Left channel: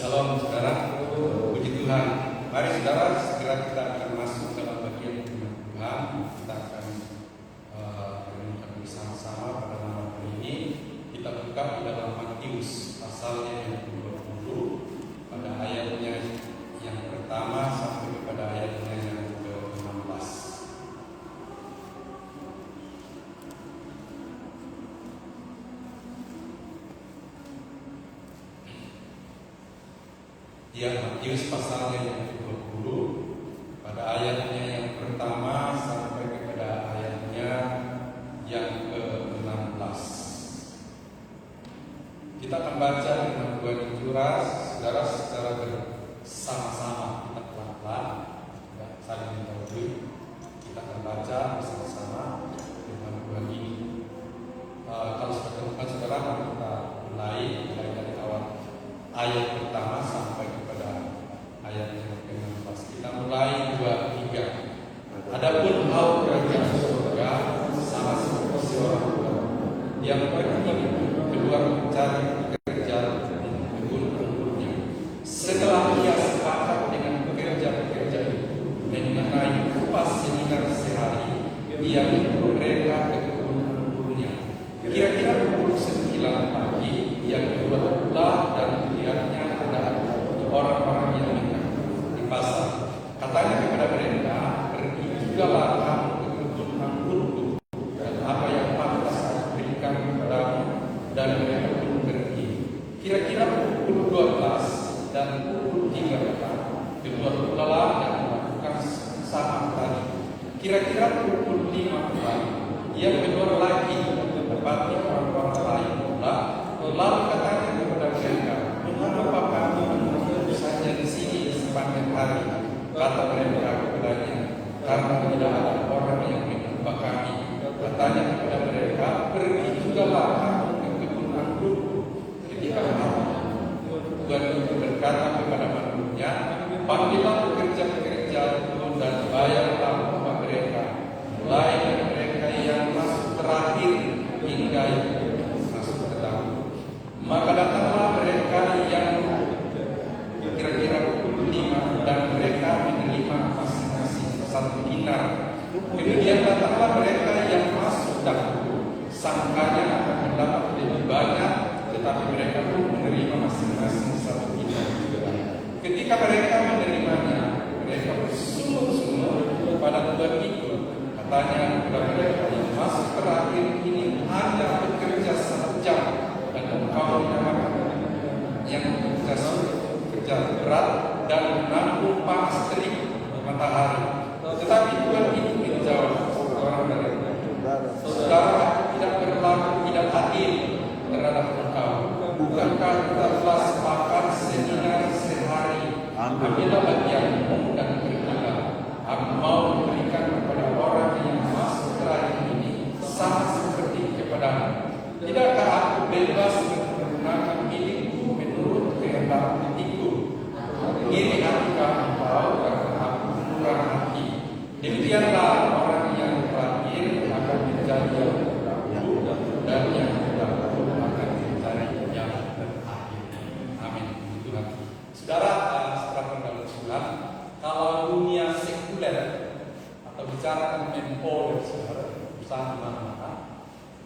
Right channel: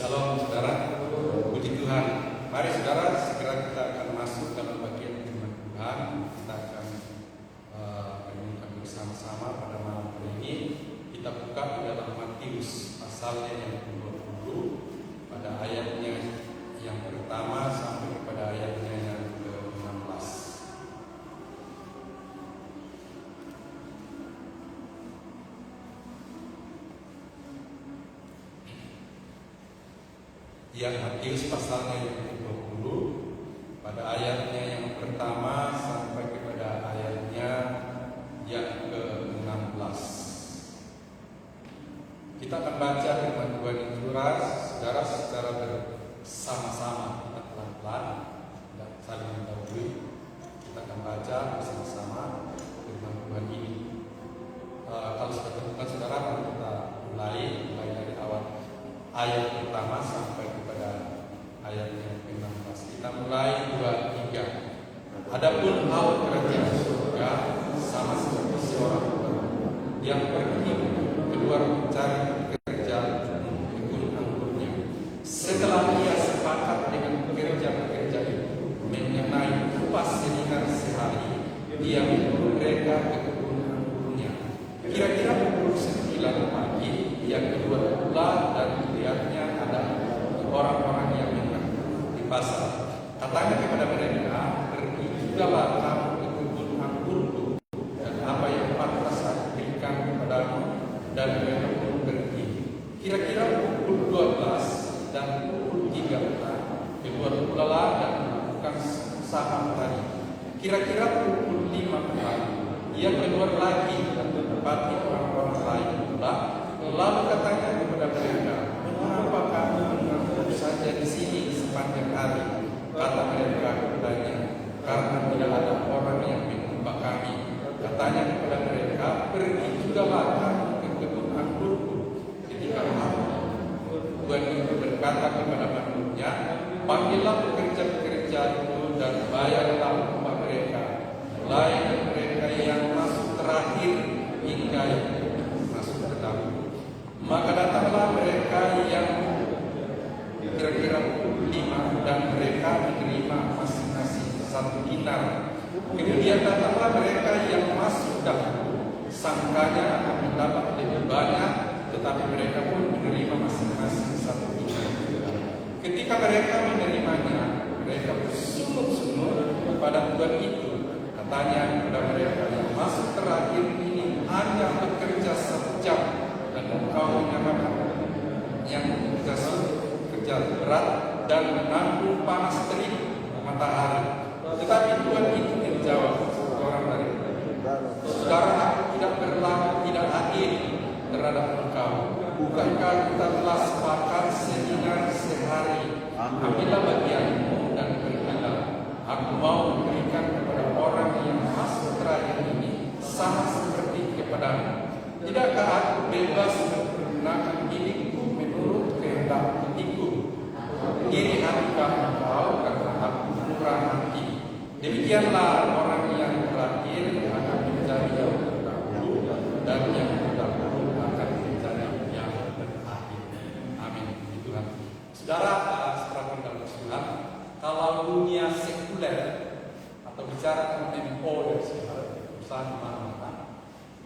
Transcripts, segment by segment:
Shalom saudara, puji Tuhan. Mari saudara, segera kita akan masuk dalam bagian firman Tuhan. Kita akan merenungkan bersama-sama pada malam hari ini. Kita buka di dalam Matius pasalnya yang ke-20 pada ayatnya yang pertama sampai kepada ayatnya yang ke-16. Ya, Matius pasalnya yang ke-20 pada ayatnya yang pertama sampai kepada ayatnya yang ke-16. Kita akan baca dengan Tuhan yang jelas, saudara, secara bersama-sama. Kita pelan-pelan, tidak saling mendahului. Kita akan baca bersama-sama dengan Tuhan ini. Kalau sudah temukan saudara, kita mulai dari awal ayat pertama sampai kepada ayat yang ke-16. Kita mulai 2-3. Adapun engkau kerajaan surga sama seperti seorang yang pergi keluar mencari pekerjaan di kebun anggurnya. Setelah ia sepakat dengan pekerja-pekerja itu mengenai upah sedinar sehari, ia menyuruh mereka ke kebun anggurnya. Kira-kira pukul 9 pagi, ia keluar pula dan melihatnya ada orang-orang yang di pasar. Katanya kepada mereka, pergi jugalah kamu ke kebun anggurku, dan apa yang pantas aku berikan kepadamu. Dan mereka pun pergi. Kira-kira pukul 12 dan pukul 3 keluar pula dan melakukan sama tadi. Kira-kira pukul 5 pula ia keluar lagi dan mendapati orang-orang lain pula. Lalu katanya kepada mereka, mengapa kamu menunggu saja di sini sepanjang hari? Kata mereka kepadanya, karena tidak ada orang yang menimpa kami. Katanya kepada mereka, pergi jugalah kamu ke kebun anggurku. Ketika Tuhan itu berkata kepada manusia, panggillah pekerja-pekerja itu dan bayarlah upah mereka, mulai dari mereka yang masuk terakhir hingga yang masuk terakhir. Maka datanglah mereka yang kira-kira pukul 5 dan mereka menerima masing-masing 1 dinar. Kemudian datanglah mereka yang masuk dahulu, sangkanya akan mendapat lebih banyak, tetapi mereka pun menerima masing-masing 1 dinar. Ketika mereka menerimanya, mereka bersungguh-sungguh kepada Tuhan itu. Katanya kepada mereka yang masuk terakhir ini hanya bekerja 1 jam. Dan engkau yang bekerja berat dan menanggung panas terik matahari. Tetapi Tuhan ini menjawab orang dari saudara, aku tidak berlaku tidak adil terhadap engkau. Bukankah kita telah sepakat sedinar sehari? Ambillah bagianmu dan pergilah. Aku mau memberikan kepada orang yang masuk terakhir ini sama seperti kepadamu. Tidakkah aku bebas menggunakan milikku menurut kehendak hatiku? Iri hatikah engkau karena aku murah hati? Demikianlah orang yang terakhir akan menjadi yang terdahulu, dan yang terdahulu akan menjadi yang terakhir. Amin. Tuhan. Saudara, setelah berlalu Tuhan, kalau dunia sekuler atau bicara tentang employer, perusahaan mana-mana,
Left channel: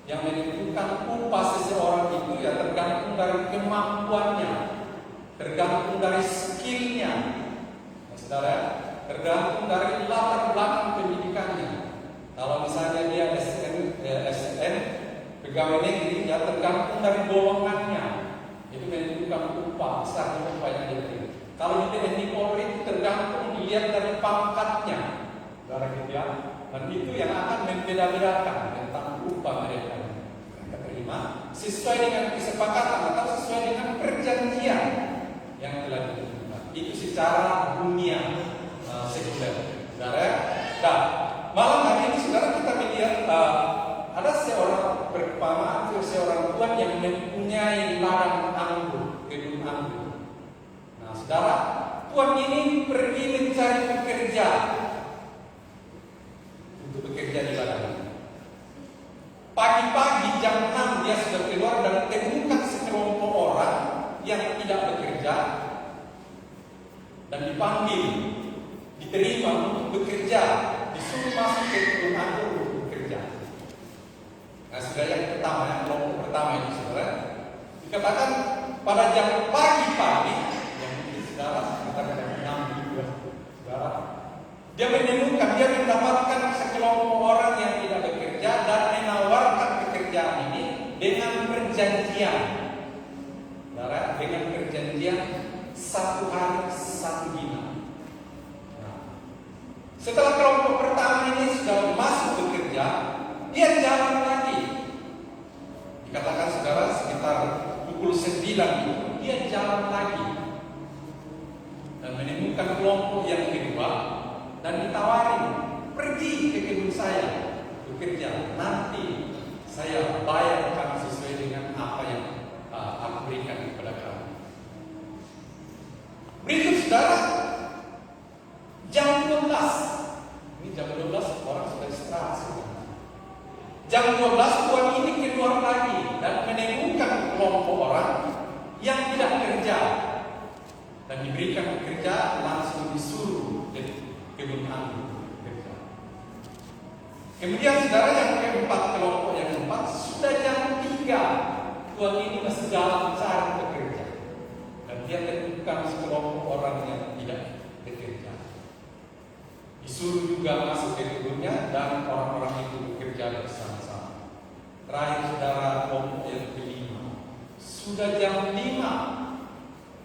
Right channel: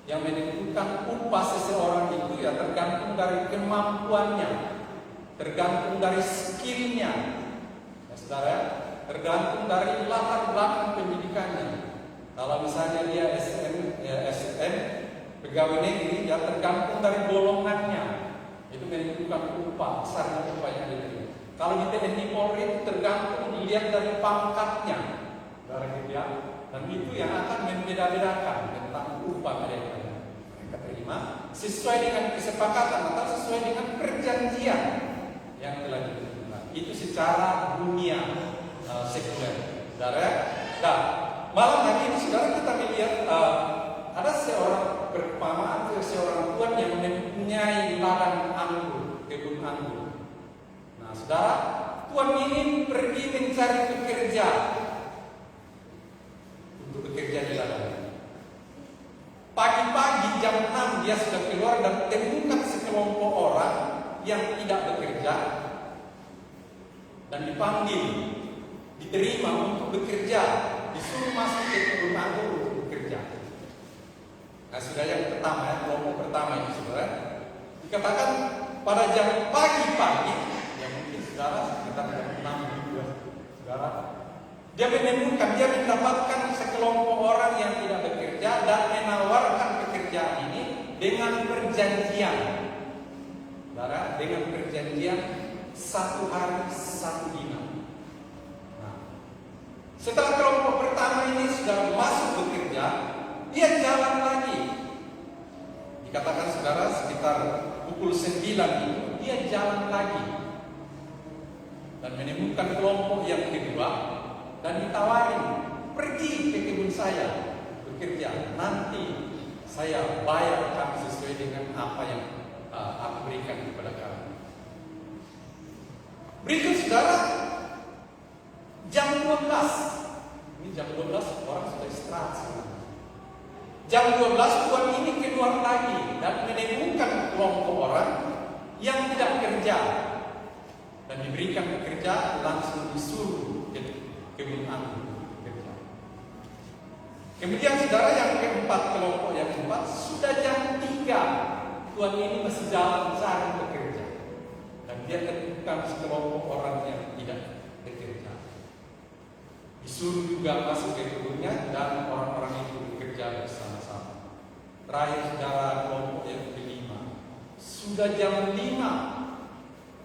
yang menentukan upah seseorang itu ya tergantung dari kemampuannya, tergantung dari skillnya, ya, saudara, tergantung dari latar belakang pendidikannya. Kalau misalnya dia SN, pegawai negeri, ya tergantung dari golongannya, itu menentukan upah besar upah yang dia terima. Kalau di TNI Polri itu tergantung dilihat dari pangkatnya, barang ya. Dan itu yang akan membeda-bedakan tentang upah mereka terima sesuai dengan kesepakatan atau sesuai dengan perjanjian yang telah ditentukan. Itu secara dunia sekuler. Saudara, nah, malam hari ini saudara kita melihat ada seorang perumpamaan, seorang tuan yang mempunyai ladang anggur, kebun anggur. Nah, saudara, tuan ini pergi mencari pekerja untuk bekerja di ladang. Pagi-pagi jam 6 dia sudah keluar dan temukan sekelompok orang yang tidak bekerja dan dipanggil, diterima untuk bekerja, disuruh masuk ke kebun anggur untuk bekerja. Nah, sudah yang pertama, ya, kelompok pertama itu saudara, dikatakan pada jam pagi-pagi, yang mungkin saudara katakan jam 6 juga, saudara, dia menemukan, dia mendapatkan sekelompok orang yang tidak bekerja dan menawarkan pekerjaan ini dengan perjanjian, saudara, dengan perjanjian 1 hari 1 dinar. Nah, setelah kelompok pertama ini sudah masuk bekerja, dia jalan lagi. Dikatakan saudara sekitar pukul 9 itu dia jalan lagi dan menemukan kelompok yang kedua dan ditawarin, pergi ke kebun saya bekerja, nanti saya bayar kamu sesuai dengan apa yang aku berikan kepada kamu. Berikut saudara, jam 12, ini jam 12 orang sudah istirahat sekarang. Jam 12 tuan ini keluar lagi dan menemukan kelompok orang yang tidak kerja dan diberikan pekerja, langsung disuruh ke kebun anggur bekerja. Kemudian saudara yang keempat, kelompok yang keempat, sudah jam 3 tuan ini masih jalan cari bekerja dan dia menemukan sekelompok orang yang tidak bekerja. Disuruh juga masuk ke kebunnya dan orang-orang itu bekerja bersama-sama. Terakhir saudara, kelompok yang kelima, sudah jam 5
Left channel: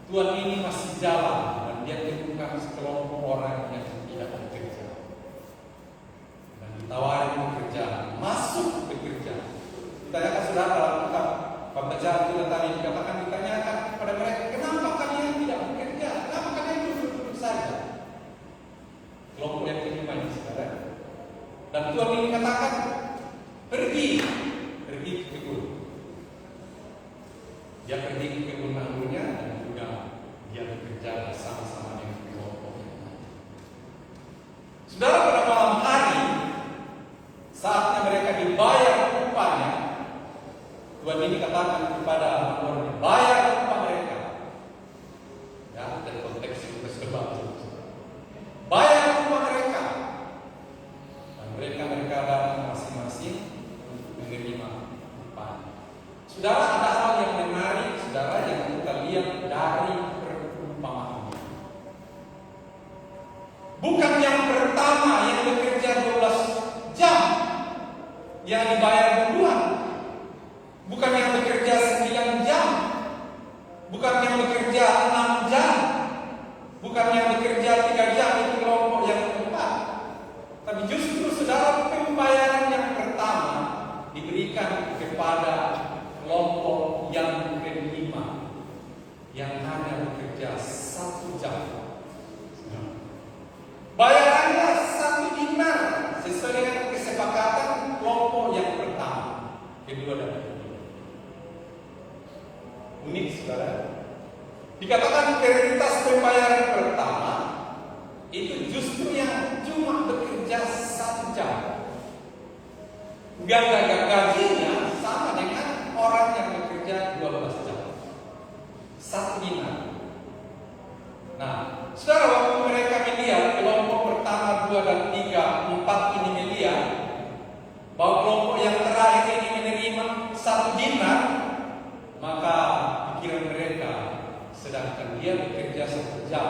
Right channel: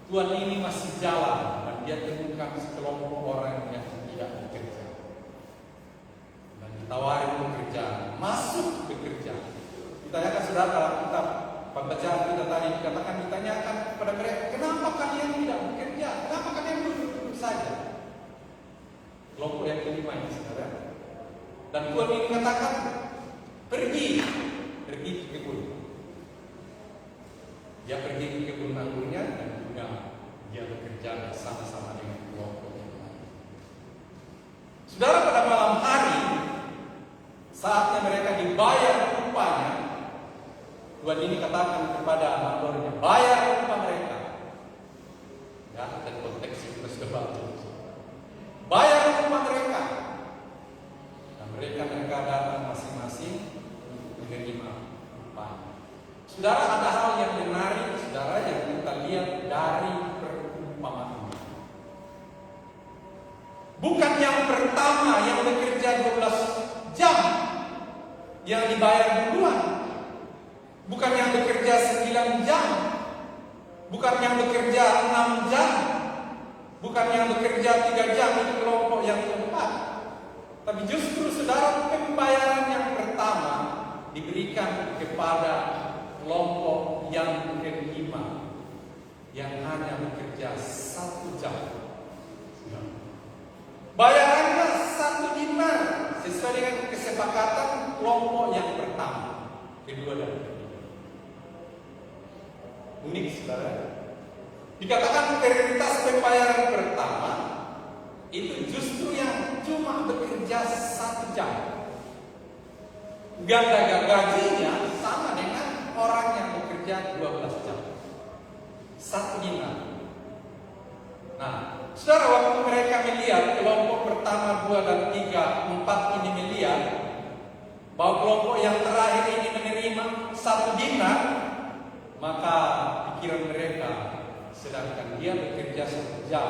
tuan ini masih jalan dan dia menemukan sekelompok orang yang tidak bekerja dan ditawarin pekerjaan, masuk bekerja. Ditanyakan saudara, kalau kita pembacaan kita tadi dikatakan, ditanyakan kepada mereka, kenapa kalian tidak bekerja? Kenapa kalian duduk-duduk saja? Kelompok yang kelima ini saudara. Dan Tuhan ini katakan, pergi ke kebun. Dia pergi ke kebun anggurnya dan juga dia bekerja bersama-sama dengan kelompok yang lain. Saudara, pada malam hari saatnya mereka dibayar upahnya, Tuhan ini katakan kepada hamba-Nya, bayar upah mereka. Ya, dan konteks itu sudah bagus. Bayar upah mereka. Dan mereka datang masing-masing untuk menerima upah. Saudara, ada hal yang menarik, saudara, yang kita lihat dari perumpamaan ini. Bukan yang pertama yang bekerja 12 jam yang dibayar duluan. Bukan yang bekerja 9 jam. Bukan yang bekerja 6 jam. Bukan yang bekerja 3 jam, itu kelompok yang keempat. Tapi justru saudara, pembayaran yang pertama diberikan kepada kelompok yang kelima, yang hanya bekerja 1 jam. Bayarannya 1 dinar sesuai dengan kesepakatan kelompok yang pertama, kedua dan ketiga. Unik saudara. Dikatakan prioritas pembayaran pertama itu justru yang cuma bekerja 1 jam. Ganda gajinya sama dengan orang yang bekerja 12 jam. 1 dinar. Nah, saudara, waktu mereka melihat kelompok pertama, 2 dan 3, 4 ini melihat bahwa kelompok yang terakhir ini menerima 1 dinar, maka pikiran mereka, sedangkan dia bekerja 1 jam,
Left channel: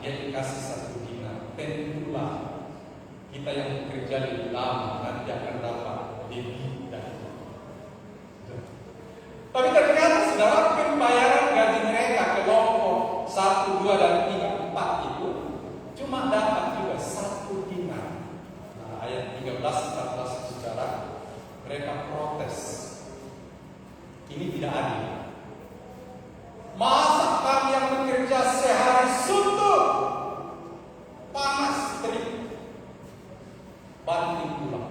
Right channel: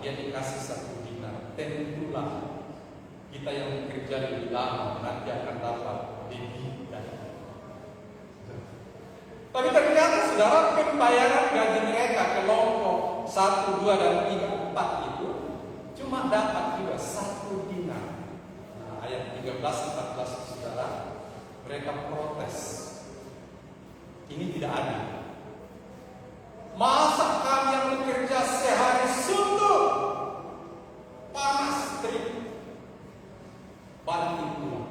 dia dikasih 1 dinar. Tentulah kita yang bekerja lebih lama nanti akan dapat lebih dari itu. Tapi ternyata saudara, pembayaran gaji mereka kelompok 1, 2, dan 3, 4 itu cuma dapat juga 1 dinar. Nah, ayat 13, 14 saudara, mereka protes. Ini tidak adil. Masa kami yang bekerja sehari suntuk, panas terik, banting tulang,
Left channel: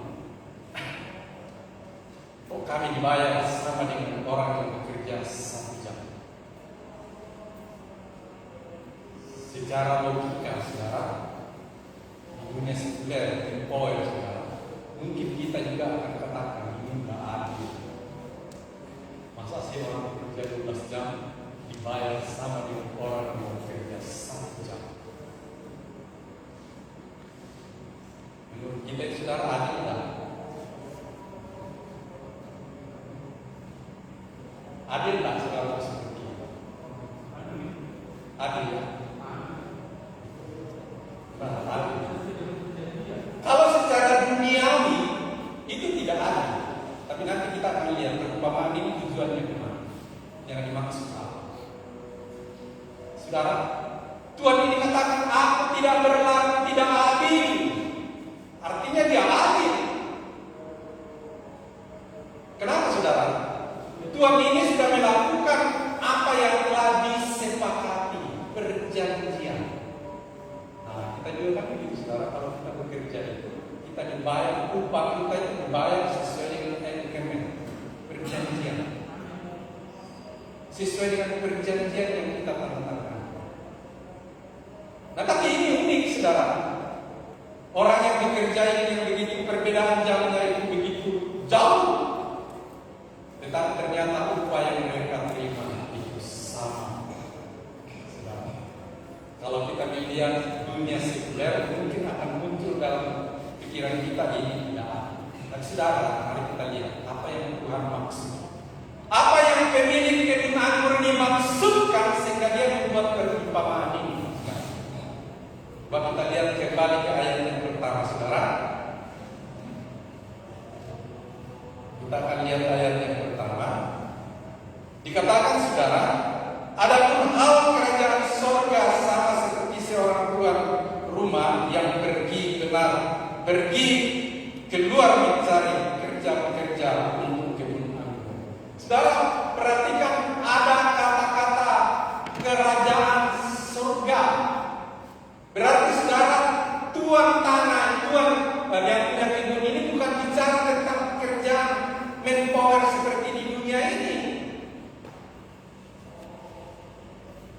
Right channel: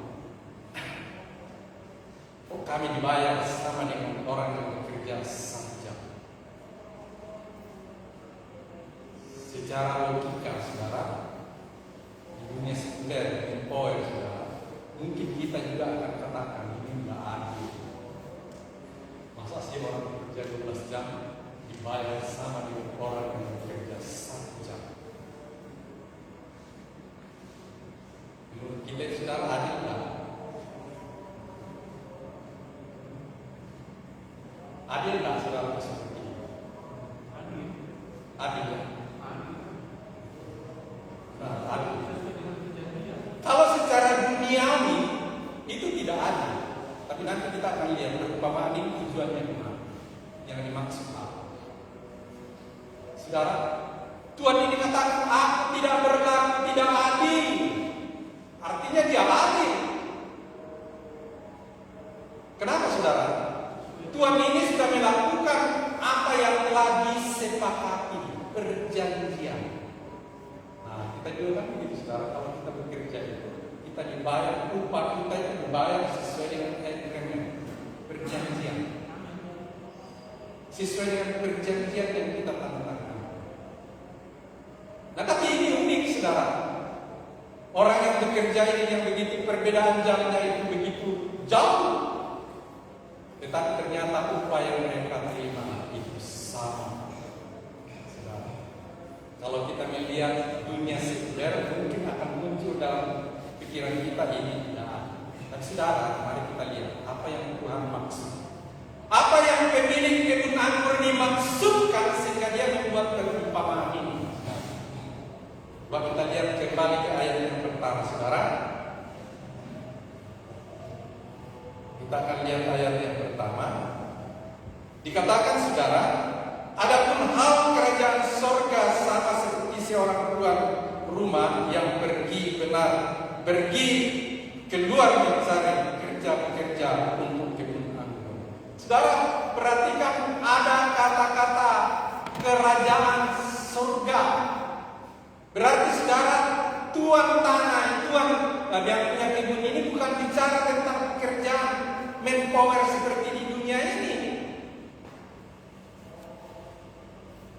kok kami dibayar sama dengan orang yang bekerja 1 jam? Secara logika saudara, di dunia sekuler, tempoer saudara, mungkin kita juga akan katakan ini tidak adil. Masa sih orang bekerja 12 jam dibayar sama dengan orang yang bekerja 1 jam? Adil ya? Nah, adil. Kalau secara duniawi itu tidak adil. Tapi nanti kita akan lihat perumpamaan ini tujuannya kemana, yang dimaksud Allah. Saudara, Tuhan ini katakan aku tidak berlaku tidak adil. Artinya dia adil. Kenapa saudara? Tuhan ini sudah melakukan apa yang telah disepakati, perjanjian. Nah, kita juga kan begitu saudara, kalau kita bekerja itu, kita dibayar, upah kita itu dibayar sesuai dengan perjanjian. Sesuai dengan perjanjian yang kita tanda-tangan. Nah, tapi ini unik saudara. Orang yang bekerja ini yang begitu perbedaan jamnya itu begitu jauh. Tetapi ternyata upah yang mereka terima itu sama. Saudara, kalau kita melihat dunia sekuler mungkin akan muncul dalam pikiran kita ini tidak. Dan saudara, mari kita lihat apa yang Tuhan maksud. Apa yang pemilik kebun anggur ini maksudkan sehingga dia membuat perumpamaan ini. Coba kita lihat kembali ke ayat yang pertama, saudara. Kita akan lihat ayat yang pertama. Dikatakan saudara, adapun hal kerajaan sorga sama seperti seorang tuan rumah yang pergi keluar mencari kerja-kerja untuk kebun anggur. Saudara, perhatikan ada kata-kata kerajaan surga. Berarti saudara, tuan tanah, tuan yang punya kebun ini bukan bicara tentang pekerjaan manpower seperti di dunia ini.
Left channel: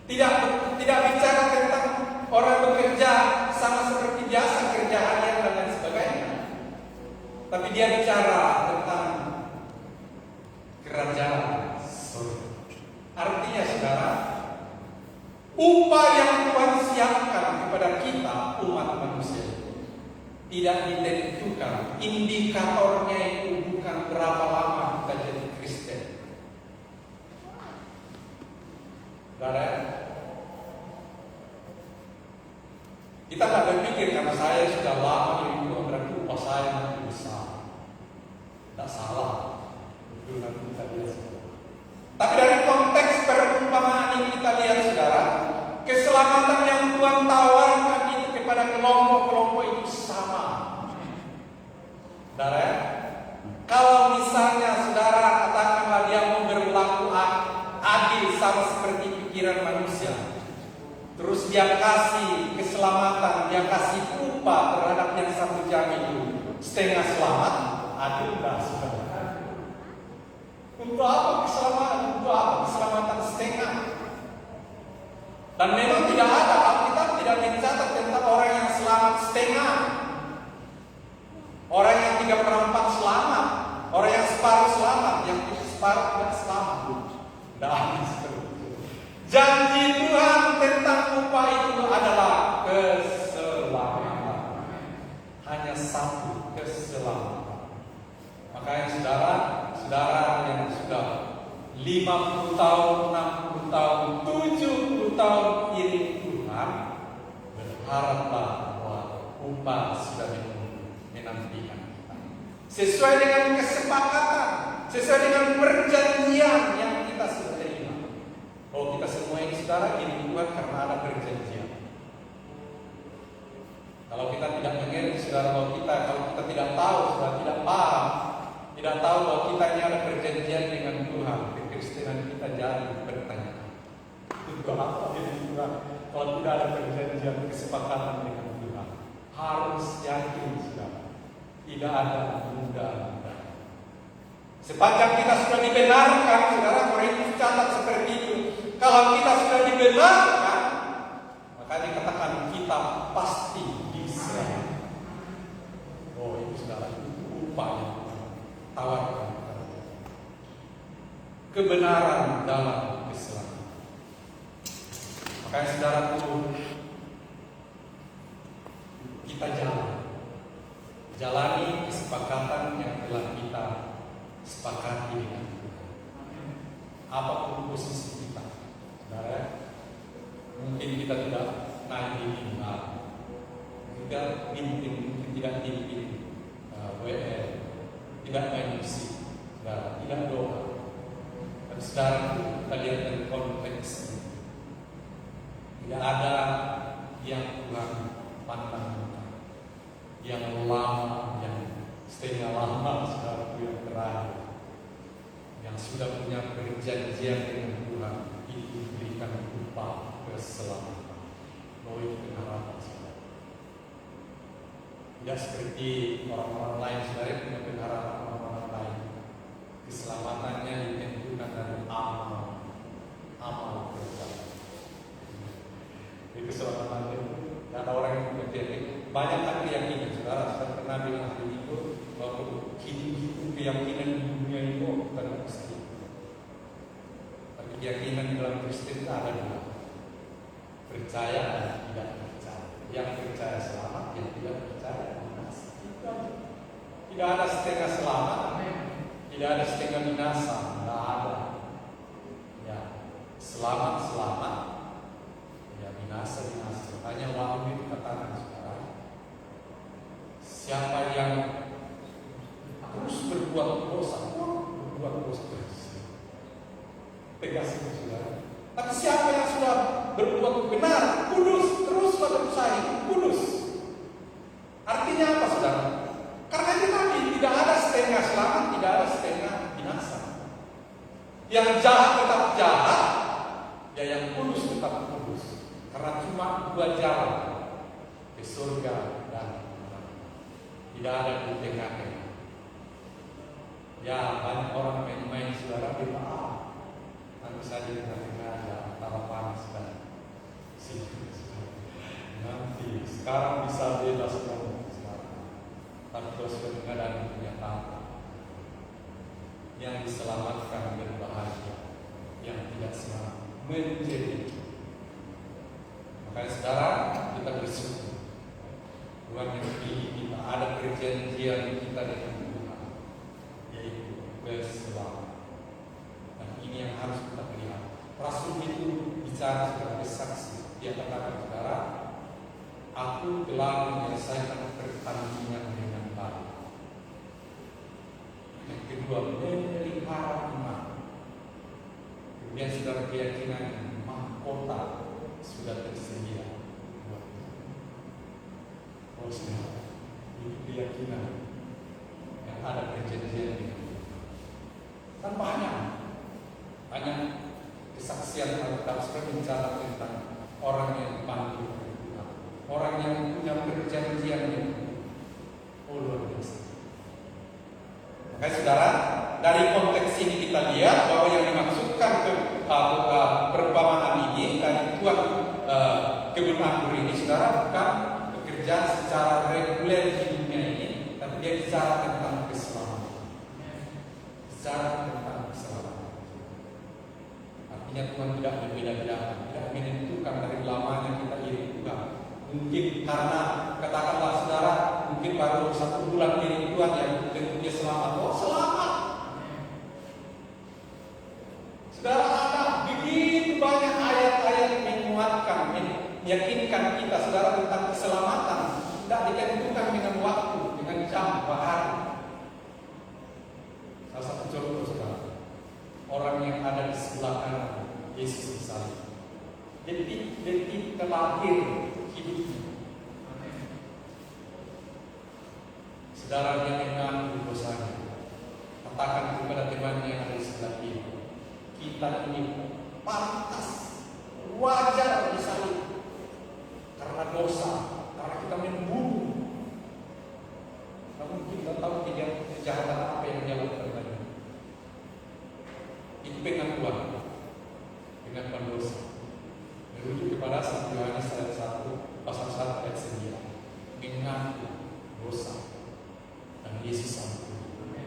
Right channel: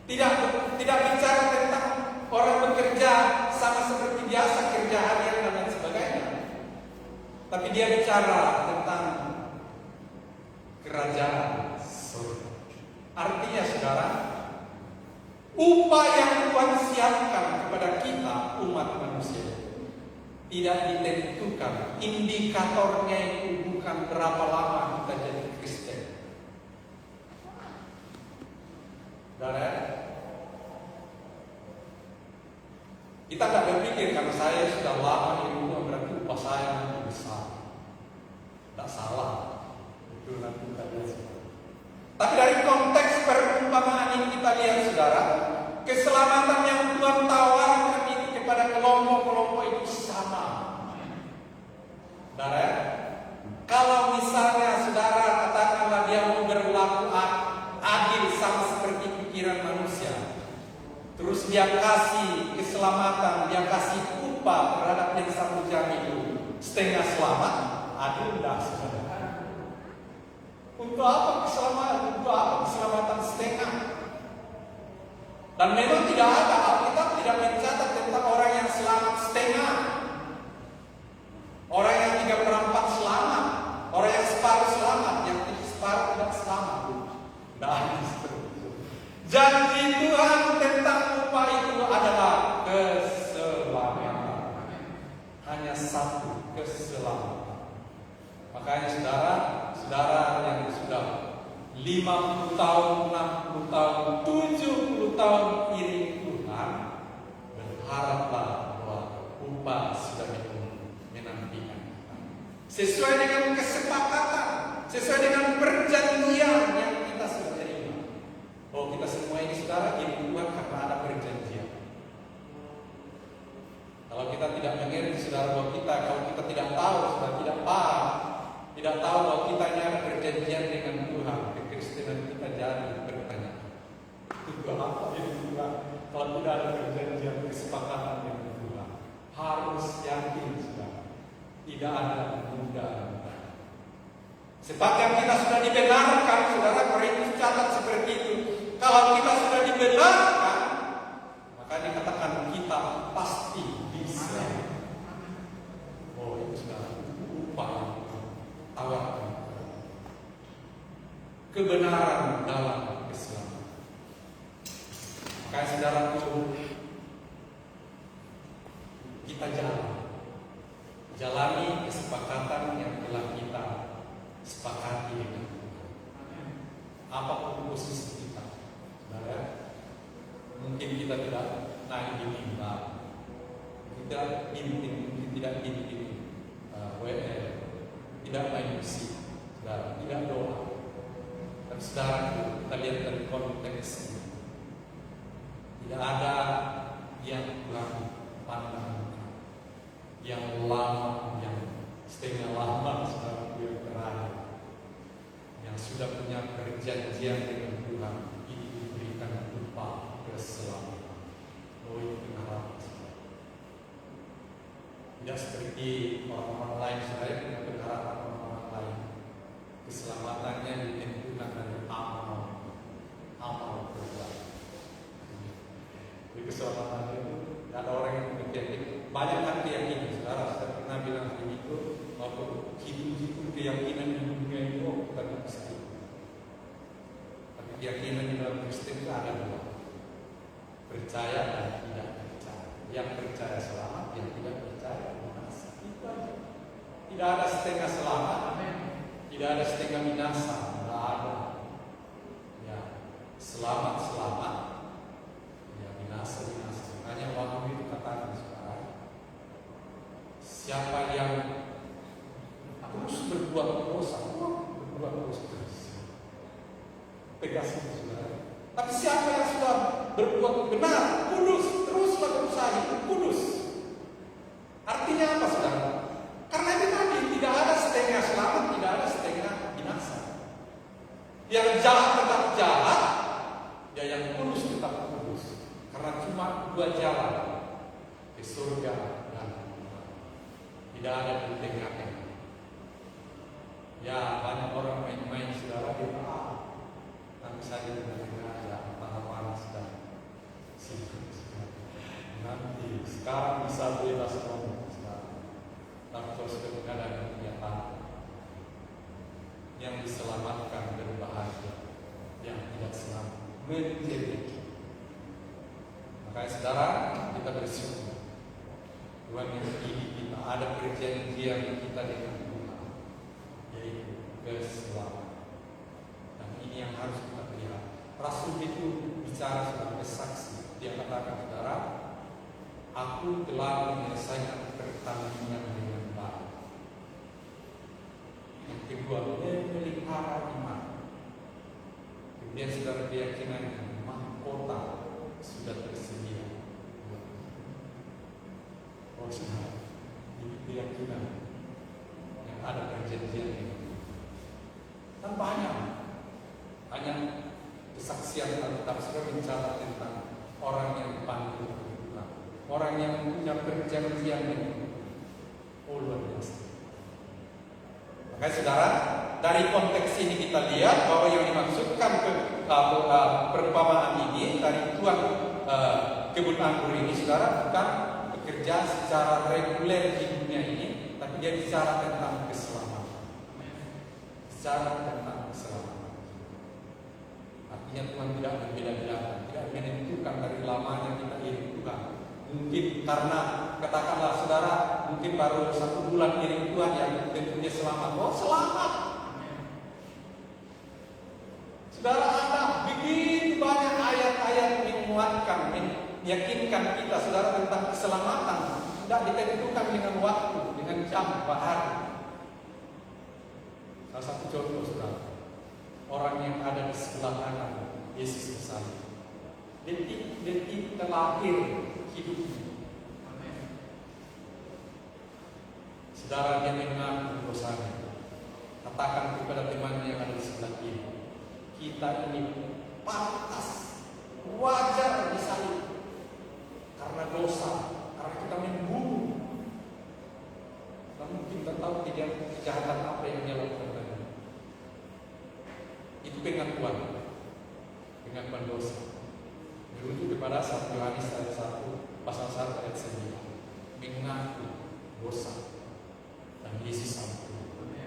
Tidak bicara tentang orang bekerja sama seperti biasa kerja harian dan lain sebagainya. Tapi dia bicara tentang kerajaan surga. Artinya saudara, upah yang Tuhan siapkan kepada kita umat manusia tidak ditentukan. Indikatornya itu bukan berapa lama kita jadi Kristen. Saudara, kita tak berpikir karena saya sudah lama di rumah berarti upah saya nanti besar. Tak salah. Betul nanti kita lihat. Tapi dari konteks perumpamaan ini kita lihat saudara, keselamatan yang Tuhan tawarkan itu kepada kelompok-kelompok itu sama. Saudara, kalau misalnya saudara katakanlah dia mau berlaku adil sama seperti pikiran manusia, terus dia kasih keselamatan, dia kasih upah terhadap yang satu jam itu setengah selamat, adil enggak saudara? Untuk apa keselamatan? Untuk apa keselamatan setengah? Dan memang tidak ada, Alkitab tidak mencatat tentang orang yang selamat setengah, orang yang 3/4 selamat, orang yang separuh selamat, yang separuh tidak selamat. Tidak ada seperti itu. Janji Tuhan tentang upah itu adalah keselamatan. Hanya satu, keselamatan. Makanya saudara yang sudah 50 tahun, 60 tahun, 70 tahun iring Tuhan, berharaplah bahwa upah sudah menantikan. Sesuai dengan kesepakatan, sesuai dengan perjanjian yang kita sudah terima. Oh, kita semua ini saudara iring Tuhan karena ada perjanjian. Kalau kita tidak mengerti saudara, kalau kita tidak tahu, saudara tidak paham, tidak tahu bahwa kita ini ada perjanjian dengan Tuhan, kekristenan kita jadi bertanya. Itu apa yang Tuhan? Kalau tidak ada perjanjian kesepakatan dengan Tuhan, harus yakin saudara, tidak ada mudah-mudah. Sepanjang kita sudah dibenarkan, saudara, Korintus catat seperti itu. Kalau kita sudah dibenarkan, maka dikatakan kita pasti diselamatkan. Oh, itu sudah upah tawarkan kebenaran dalam keselamatan. Makanya saudaraku, kita jalani kesepakatan yang telah kita sepakati dengan Tuhan. Apapun posisi kita, saudara, mungkin mungkin kita tidak naik di mimbar, kita mungkin tidak pimpin WL, tidak main musik, tidak doa. Tapi sekarang kita lihat dari konteks, tidak ada yang kurang pandang, yang lama, yang setengah lama sudah berada, yang sudah punya perjanjian dengan Tuhan, itu diberikan upah keselamatan. Itu pengharapan saudara. Tidak seperti orang-orang lain saudara punya pengharapan orang-orang lain. Keselamatannya ditentukan dari amal perbuatan. Di keselamatan itu ada orang yang berpikir banyak kan keyakinan. Saudara sudah pernah bilang itu waktu hidup keyakinan di dunia itu bukan pasti. Tapi keyakinan di dalam Kristen itu ada dua, percaya dan tidak percaya. Yang percaya selamat, yang tidak percaya binasa. Itu aja. Tidak ada setengah selamat, tidak ada setengah binasa, tidak ada. Ya, selamat, ya binasa. Makanya Wahyu itu katakan sekarang, siapa yang terus berbuat dosa terus. Tegas itu saudara. Tapi siapa yang sudah berbuat benar, kudus, teruslah berusaha itu kudus. Artinya apa saudara? Karena itu tadi tidak ada setengah selamat, tidak ada setengah binasa. Yang jahat tetap jahat, dan yang kudus tetap kudus. Karena cuma dua jalan ke surga dan neraka. Tidak ada di tengah-tengah. Ya banyak orang main-main saudara di nanti saya dengan negara antara panas dan nanti sekarang bisa bebas semua tapi kadang-kadang punya tangga yang diselamatkan berbahagia, yang tidak selamat menjadi. Makanya saudara kita bersyukur Tuhan mendidik kita, ada perjanjian kita dengan Tuhan, yaitu keselamatan. Dan ini yang harus kita lihat. Rasul itu bicara sebagai saksi. Dia katakan saudara, aku telah menyelesaikan pertandingan dengan baik. Yang kedua, memelihara iman. Kemudian saudara keyakinan mahkota sudah tersedia. Saudara, ini keyakinan yang ada perjanjian ini. Kan banyak kesaksian Alkitab sudah bicara tentang orang yang dipanggil oleh Tuhan, orang yang punya perjanjian dengan luar biasa. Makanya saudara, dari konteks ini kita lihat bahwa yang dimaksudkan perumpamaan ini dari Tuhan kebun anggur ini saudara bukan bekerja secara reguler di dunia ini, tapi dia bicara tentang keselamatan. Bicara tentang keselamatan. Artinya Tuhan tidak berbeda-beda, tidak menentukan dari lamanya kita iri Tuhan. Mungkin karena katakanlah saudara, mungkin baru 1 bulan iri Tuhan yang tentunya selamat. Oh selamat. Saudara, ada begitu banyak ayat-ayat yang menguatkan, meyakinkan kita saudara tentang keselamatan. Tidak ditentukan dengan waktu, dengan jam, hari. Salah satu contoh saudara, orang yang ada di sebelah kanan Yesus misalnya, detik terakhir hidupnya, saudara dia mengaku dosanya, katakan kepada temannya yang ada di sebelah kiri, kita ini pantas, wajar disalib karena dosa, karena kita membunuh. Namun kita tahu kejahatan apa yang dia lakukan. Itu pengakuan dosa. Merujuk kepada 1 Yohanes ayat 1 pasal 1 ayat 9. Mengaku dosa dan Yesus ampuni.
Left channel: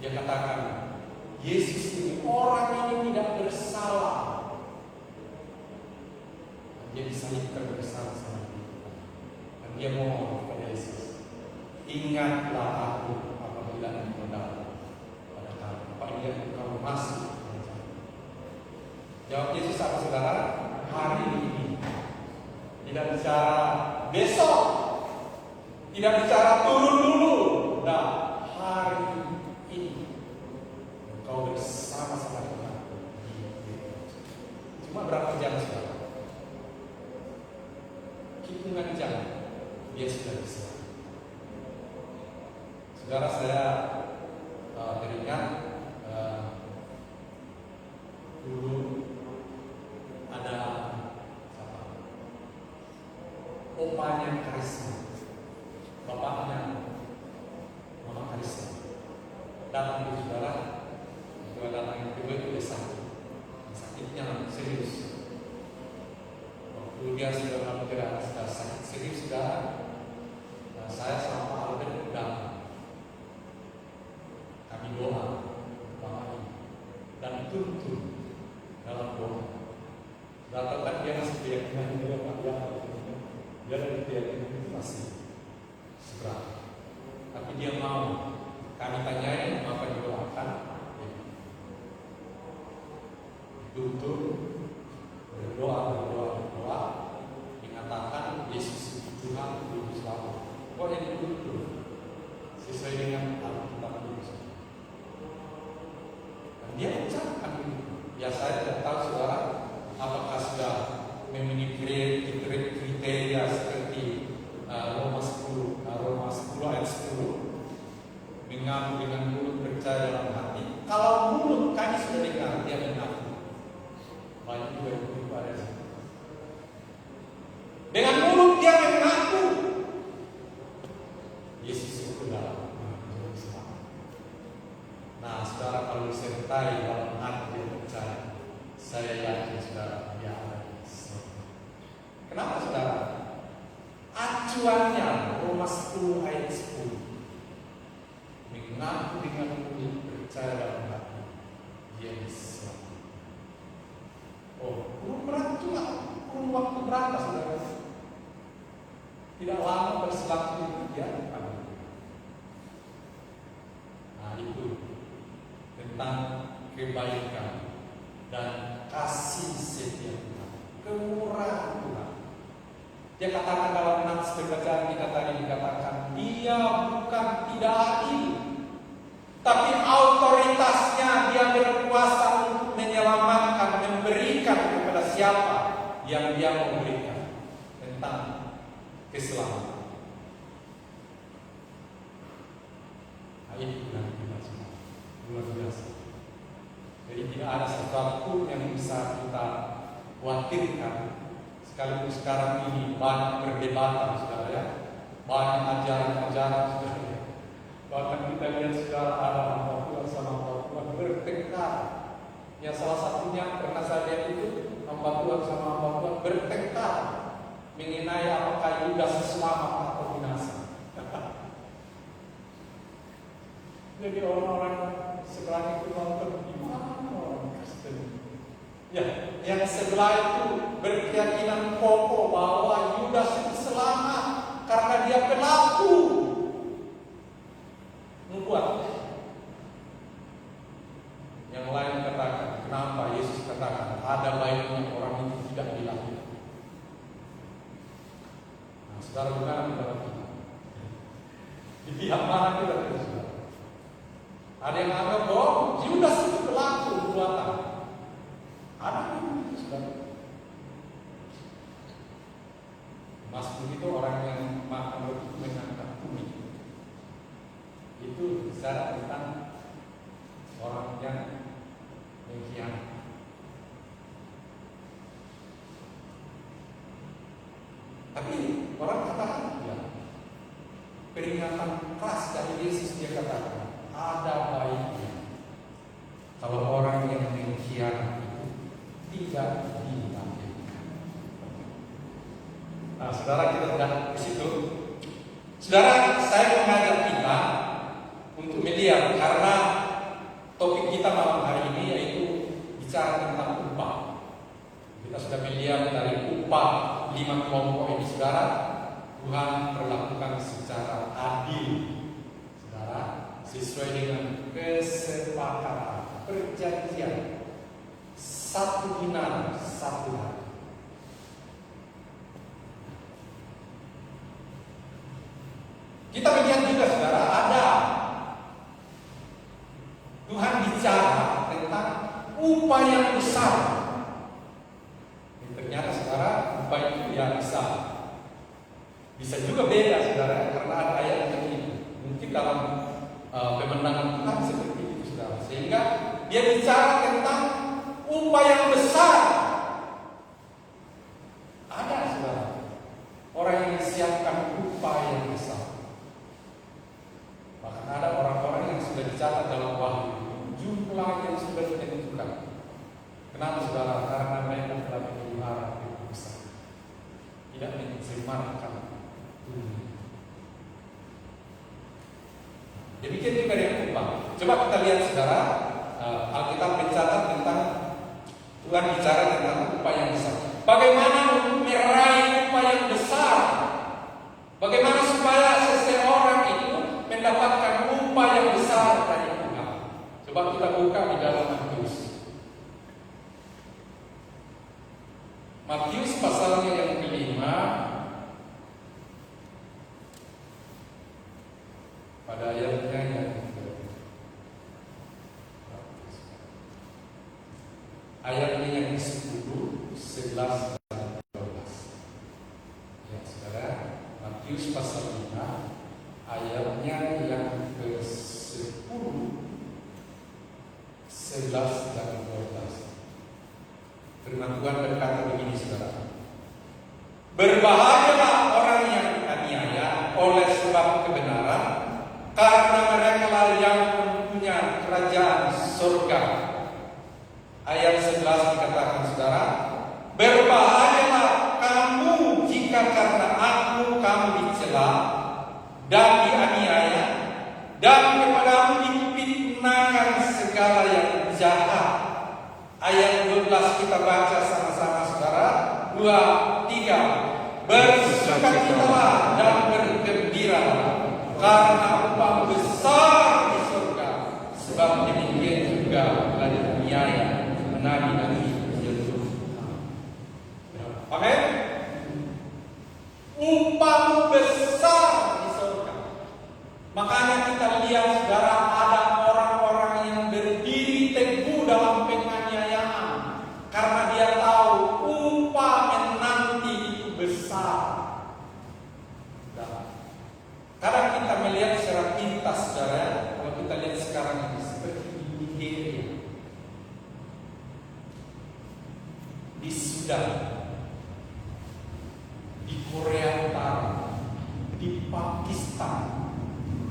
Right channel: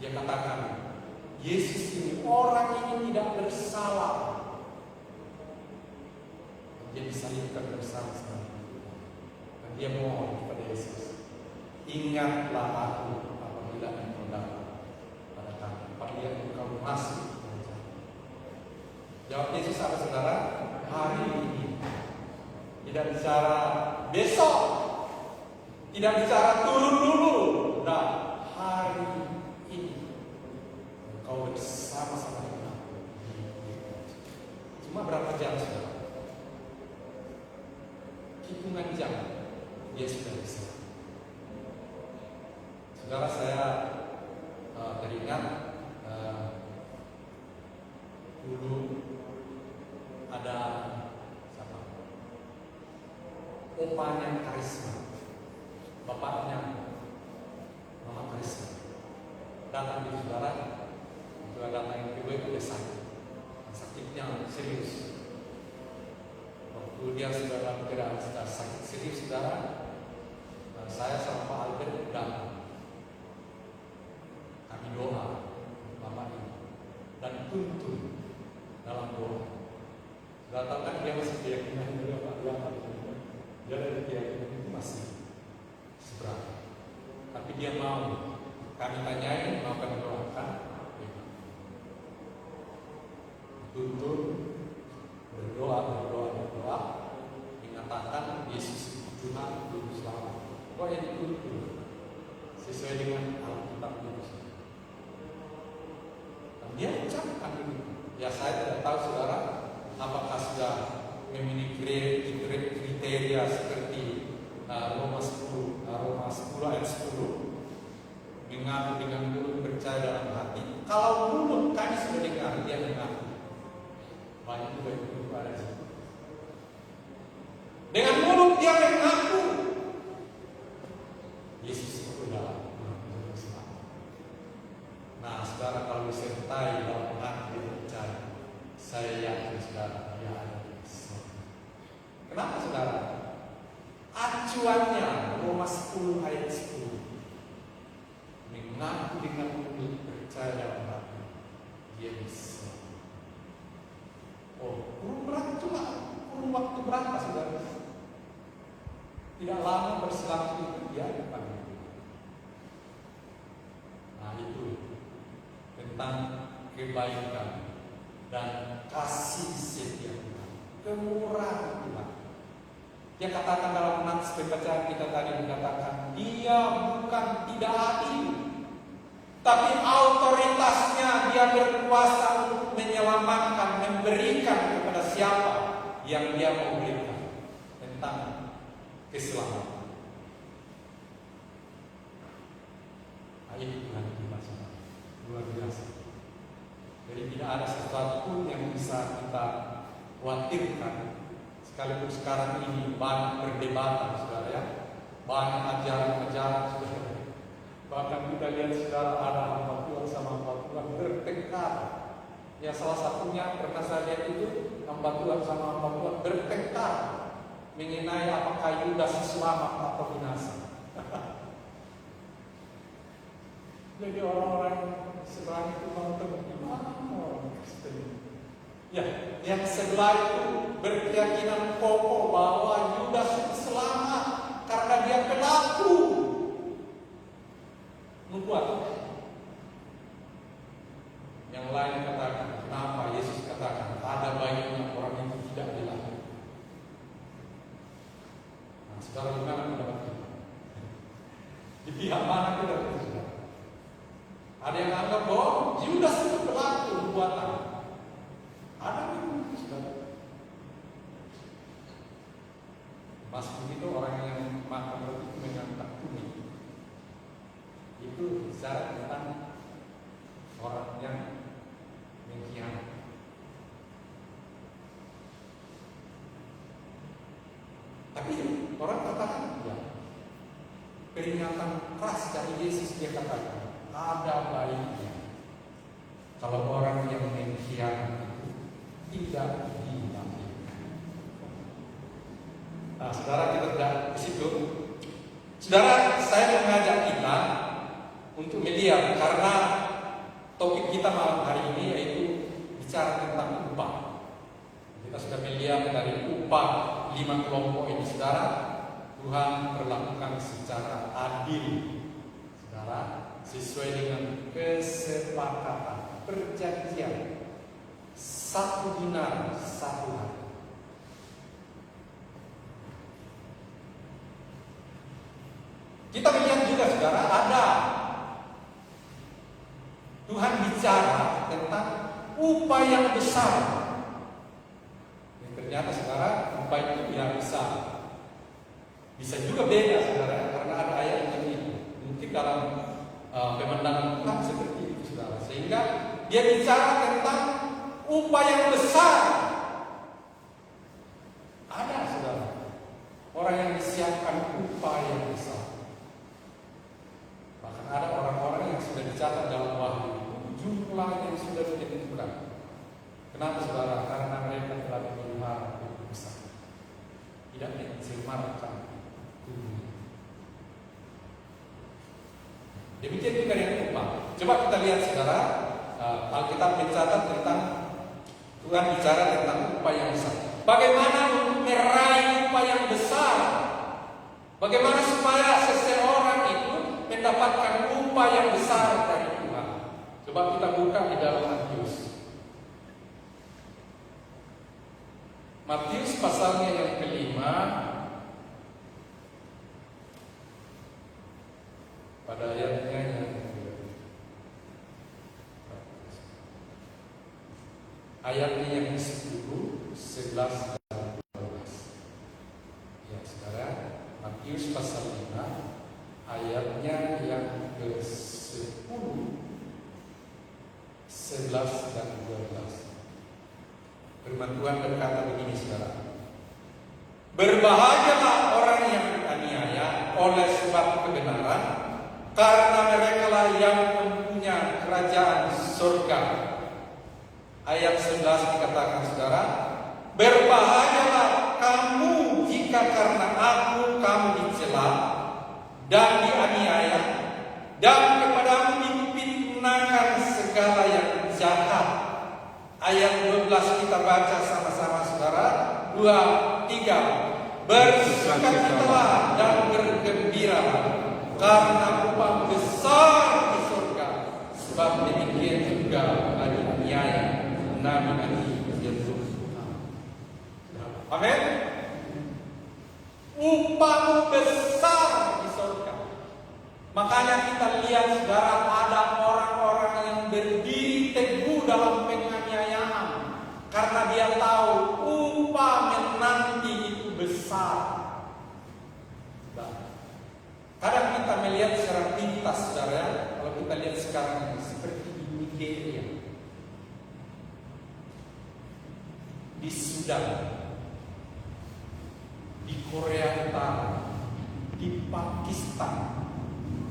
Dia katakan Yesus ini orang ini tidak bersalah. Dia disalibkan bersama-sama. Dan dia mohon kepada Yesus, ingatlah aku apabila engkau datang. Apabila engkau masih. Jawab Yesus apa saudara hari ini. Tidak bicara besok. Tidak bicara turun dulu. Nah, hari ini kau bersama-sama dengan aku di gereja. Cuma berapa jam saudara? Hitungan jam dia sudah bisa. Saudara, saya teringat dulu ada opanya Karisma, bapaknya Mama Karisma, datang di saudara, datang yang kedua itu dia sakitnya serius. Waktu dia sudah tidak sakit serius, saudara, saya sama Pak Albert datang. Kami doa lama ini dan tuntun dalam doa. Datang kan dia masih keyakinan dia Pak, dia dari keyakinan itu masih seberapa. Tapi dia mau kami tanyain, mau kami doakan, tuntun berdoa, mengatakan Yesus itu Tuhan hidup selalu. Kok yang dituntun sesuai dengan Alkitab itu. Dan dia ucapkan ini. Ya, saya tidak tahu saudara apakah sudah memiliki kriteria seperti Roma 10 ayat 10, mengaku dengan mulut, percaya dalam hati. Kalau mulut kami sudah dengar dia mengaku, banyak juga yang pada situ. Dengan mulut dia mengaku Yesus itu dalam Islam. Nah, saudara, kalau disertai dalam hati dia percaya, saya yakin saudara dia ada di sini. Kenapa saudara? Acuannya Roma 10 ayat 10, mengaku dengan mulut, percaya dalam hati dia Islam. Oh, kurun waktu berapa saudara? Tidak lama berselang itu dia dipanggil. Nah, itu tentang kebaikan dan kasih setia Tuhan, kemurahan Tuhan. Dia katakan dalam nats bacaan kita tadi, dikatakan dia bukan tidak adil, tapi autoritasnya dia berkuasa untuk menyelamatkan, memberikan kepada siapa yang dia mau berikan, tentang keselamatan. Nah, ini Tuhan kita semua luar biasa. Jadi tidak ada sesuatu yang bisa kita khawatirkan. Sekalipun sekarang ini banyak perdebatan, saudara ya, banyak ajaran-ajaran, saudara. Bahkan kita lihat sekarang ada hamba Tuhan sama hamba Tuhan bertengkar. Ya, salah satunya pernah saya lihat itu hamba Tuhan sama hamba Tuhan bertengkar mengenai apakah Yudas selamat atau binasa. Jadi orang-orang sebelah itu nonton gimana orang Kristen. Ya, yang sebelah itu berkeyakinan kokoh bahwa Yudas itu selamat karena dia pelaku. Membuat. Yang lain katakan, kenapa Yesus katakan ada baiknya orang itu tidak dilakukan. Nah, saudara, gimana menurut kita? Di pihak mana kita berada? Ada yang anggap bahwa Yudas itu pelaku perbuatan. Ada yang begitu, saudara. Mas itu orang yang makan roti dengan kunyit. Itu bicara tentang orang yang mengkhianati. Tapi orang katakan, ya, peringatan keras dari Yesus, dia katakan ada baiknya kalau orang yang mengkhianati tidak dilanjutkan. Nah, saudara, kita berangkat ke situ. Saudara, saya mengajak kita untuk melihat, karena topik kita malam hari ini yaitu bicara tentang upah. Kita sudah melihat dari upah 5 kelompok ini, saudara, Tuhan perlakukan secara adil, saudara, sesuai dengan kesepakatan perjanjian. 1 dinar satu hati. Kita lihat juga saudara, ada Tuhan bicara tentang upaya yang besar. Dan ternyata saudara, upaya itu yang besar. Bisa juga beda saudara, karena ada ayat yang ini. Mungkin dalam pemandangan Tuhan seperti itu saudara. Sehingga dia bicara tentang upaya yang besar. Ada saudara, orang yang disiapkan upaya yang besar. Bahkan ada orang-orang yang sudah dicatat dalam wahyu, jumlah yang sudah ditentukan. Kenapa saudara? Karena mereka telah memelihara hidup besar, tidak mencemarkan dunia. Demikian juga yang upah. Coba kita lihat saudara, Alkitab mencatat tentang Tuhan bicara tentang upah yang besar. Bagaimana meraih upah yang besar? Bagaimana supaya seseorang itu mendapatkan upah yang besar dari Tuhan? Coba kita buka di dalam Matius. Matius pasalnya yang kelima, pada ayatnya yang ayatnya yang ke-10, 11 dan 12. Ya, saudara, Matius pasal 5 ayatnya yang ke-10, 11 dan 12. Firman Tuhan berkata begini saudara. Berbahagialah orang yang dianiaya oleh sebab kebenaran, karena mereka yang mempunyai kerajaan surga. Ayat 11 dikatakan saudara, berbahagialah kamu jika karena aku kamu dicela dan dianiaya, dan kepadamu difitnahkan segala yang jahat. Ayat 12 kita baca sama-sama saudara. 2, 3. Bersukacitalah dan bergembira, karena upah besar di surga. Sebab demikian juga aniaya nabi-nabi Yesus. Amin. Upah besar di surga. Makanya kita lihat saudara, ada orang-orang yang berdiri teguh dalam penganiayaan karena dia tahu upah menanti itu besar. Kadang kita melihat secara pintas saudara, kalau kita lihat sekarang ini seperti di Nigeria, di Sudan, di Korea Utara, di Pakistan.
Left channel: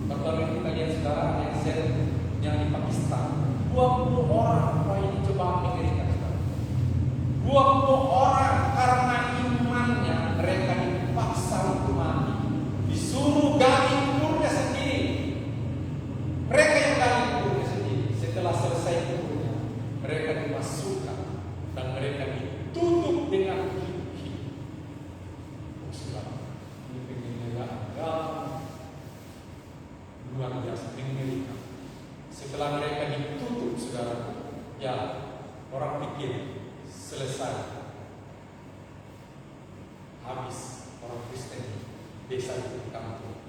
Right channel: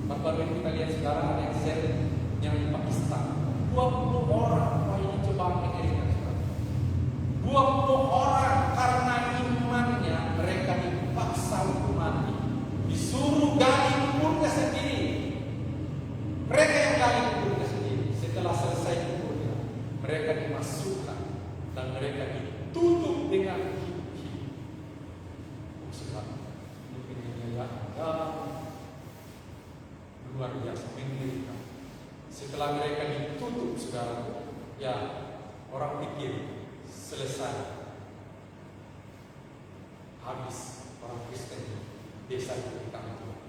Bapak kita lihat saudara yang di Pakistan, 20 orang yang coba mengirimkan saudara. 20 orang karena imannya mereka dipaksa untuk mati, disuruh gali kuburnya sendiri. Mereka yang gali kuburnya sendiri. Setelah selesai kuburnya, mereka dimasukkan dan mereka ditutup dengan hidup-hidup. Sebab luar biasa mengerikan. Setelah mereka ditutup segala, ya orang pikir selesai, habis orang Kristen desa itu kampung.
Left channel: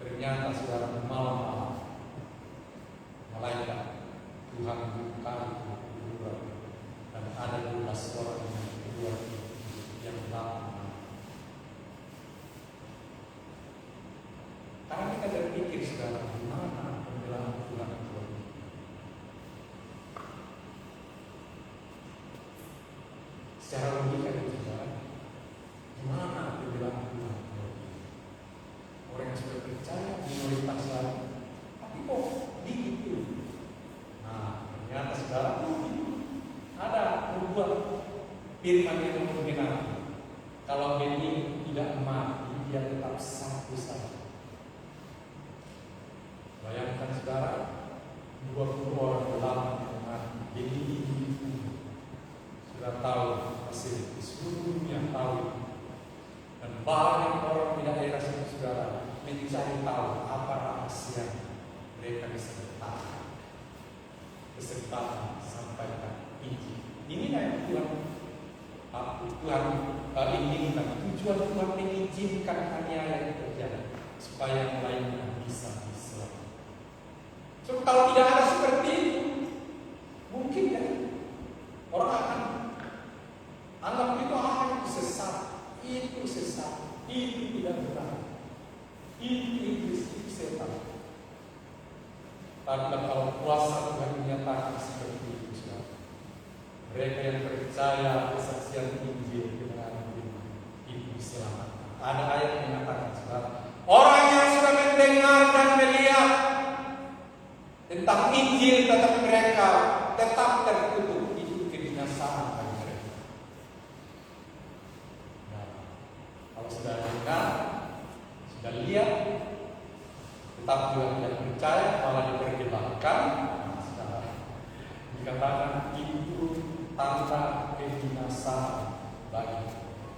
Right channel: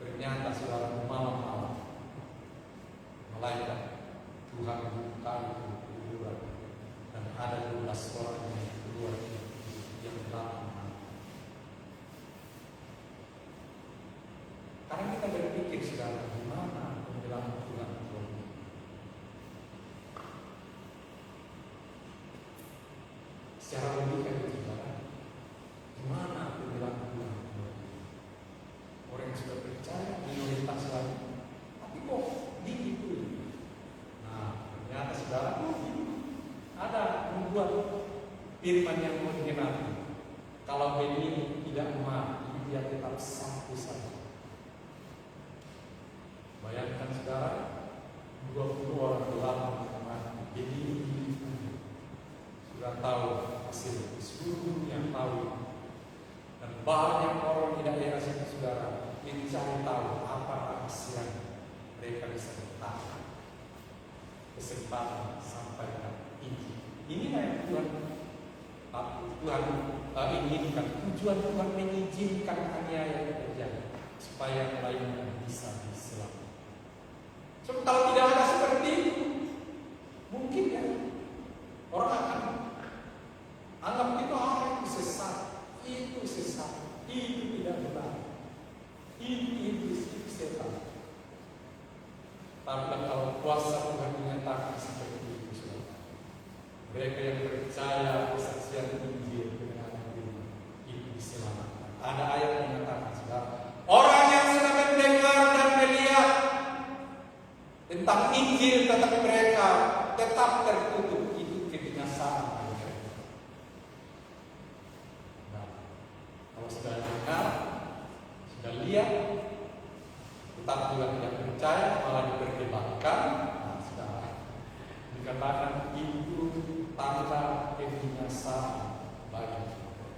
Ternyata saudara malam malaikat Tuhan buka keluar dan ada 12 orang yang keluar yang lama. Karena kita berpikir sekarang gimana pembelaan Tuhan itu. Secara logika itu saudara, gimana pembelaan Tuhan? Orang yang sudah percaya minoritas lagi, tapi kok begitu? Nah, ternyata saudara ada membuat firman yang menggenapi. Kalau benih tidak mati, dia tetap satu saja. Bayangkan saudara, 20 orang ulama jadi sudah tahu hasil, seluruhnya tahu, dan banyak orang tidak dirasakan saudara mencari tahu apa rahasia mereka bisa bertahan kesempatan sampai ke ini. Inilah yang Tuhan Tuhan inginkan, tujuan Tuhan mengizinkan aniaya terjadi supaya yang lainnya bisa diselamatkan. So, kalau tidak ada seperti itu, mungkin ya orang akan anggap itu itu sesat, itu tidak benar, itu setan. Tapi kalau kuasa Tuhan menyatakan seperti itu, mereka yang percaya kesaksian Injil kebenaran itu diselamatkan. Ada ayat yang mengatakan, orang yang sudah mendengar dan melihat tentang Injil tetapi mereka tetap tertutup, itu kebinasaan bagi mereka. Nah, kalau sudah dengar, sudah lihat, tetap juga tidak percaya, malah diperdebatkan, dikatakan itu tanda kebinasaan bagi mereka.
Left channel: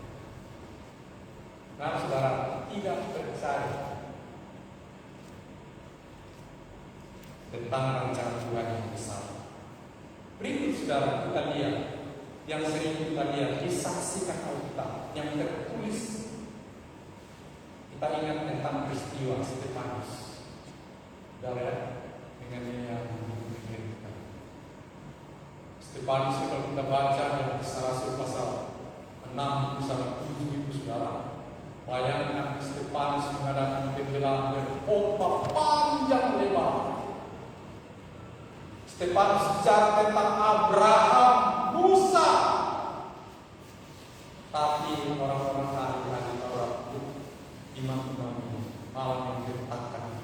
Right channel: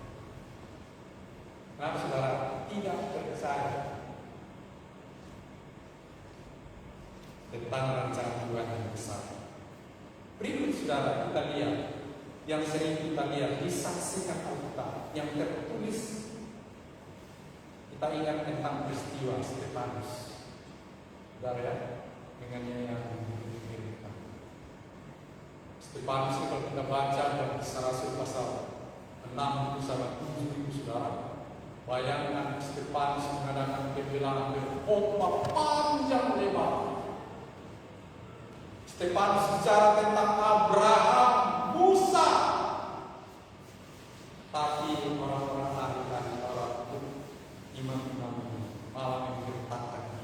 Nah, saudara, tidak percaya tentang rancangan Tuhan yang besar. Berikut saudara kita lihat yang sering kita lihat di saksikan Alkitab yang tertulis. Kita ingat tentang peristiwa Stefanus. Saudara ya, dengannya yang mengerikan. Stefanus kalau kita baca dalam Kisah Rasul pasal 6 sampai 7 itu saudara, bayangkan Stefanus mengadakan pembelaan berkhotbah panjang lebar. Stefanus bicara tentang Abraham, Musa, tapi orang-orang ahli Taurat itu imam-imam malah menggertakkan,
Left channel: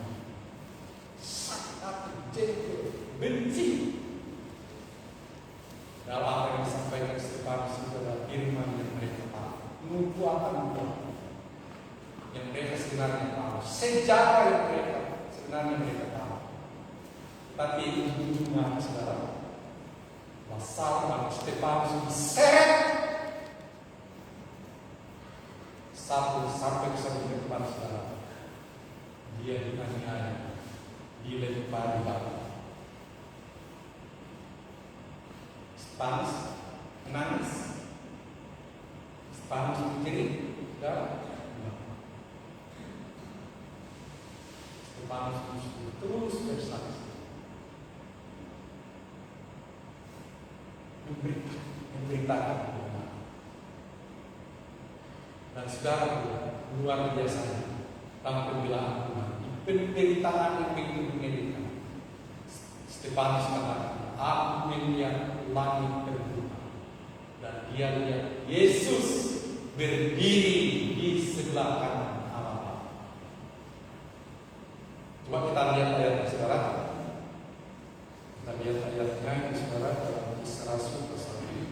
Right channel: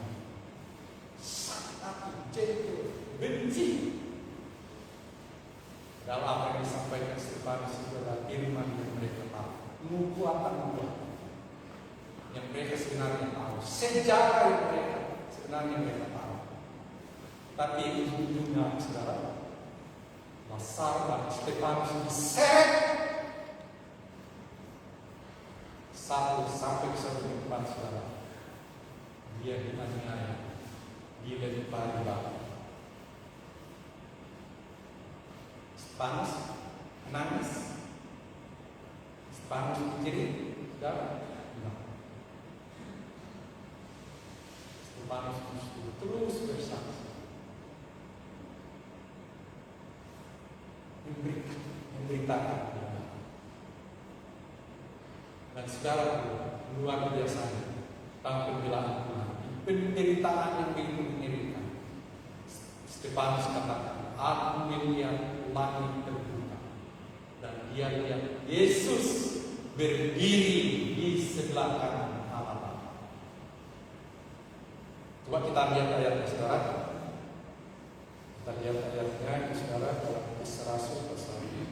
sangat jengkel, benci. Dalam apa yang disampaikan Stefanus itu adalah firman yang mereka tahu, nubuatan yang mereka sebenarnya tahu, sejarah yang mereka sebenarnya mereka tahu. Tapi ujung-ujungnya saudara, masalah Stefanus diseret sampai satu depan saudara, dia dianiaya, dilempari batu. Stefanus menangis, Stefanus menjerit, dan Stefanus terus bersaksi, memberitakan dan saudara luar biasa tentang pembelaan Tuhan, penderitaan yang begitu mengerikan. Stefanus katakan, aku melihat langit terbuka dan dia lihat Yesus berdiri di sebelah kanan Allah. Coba kita lihat ayatnya saudara. Kita lihat ayatnya saudara dalam Kisah Rasul pasal 5.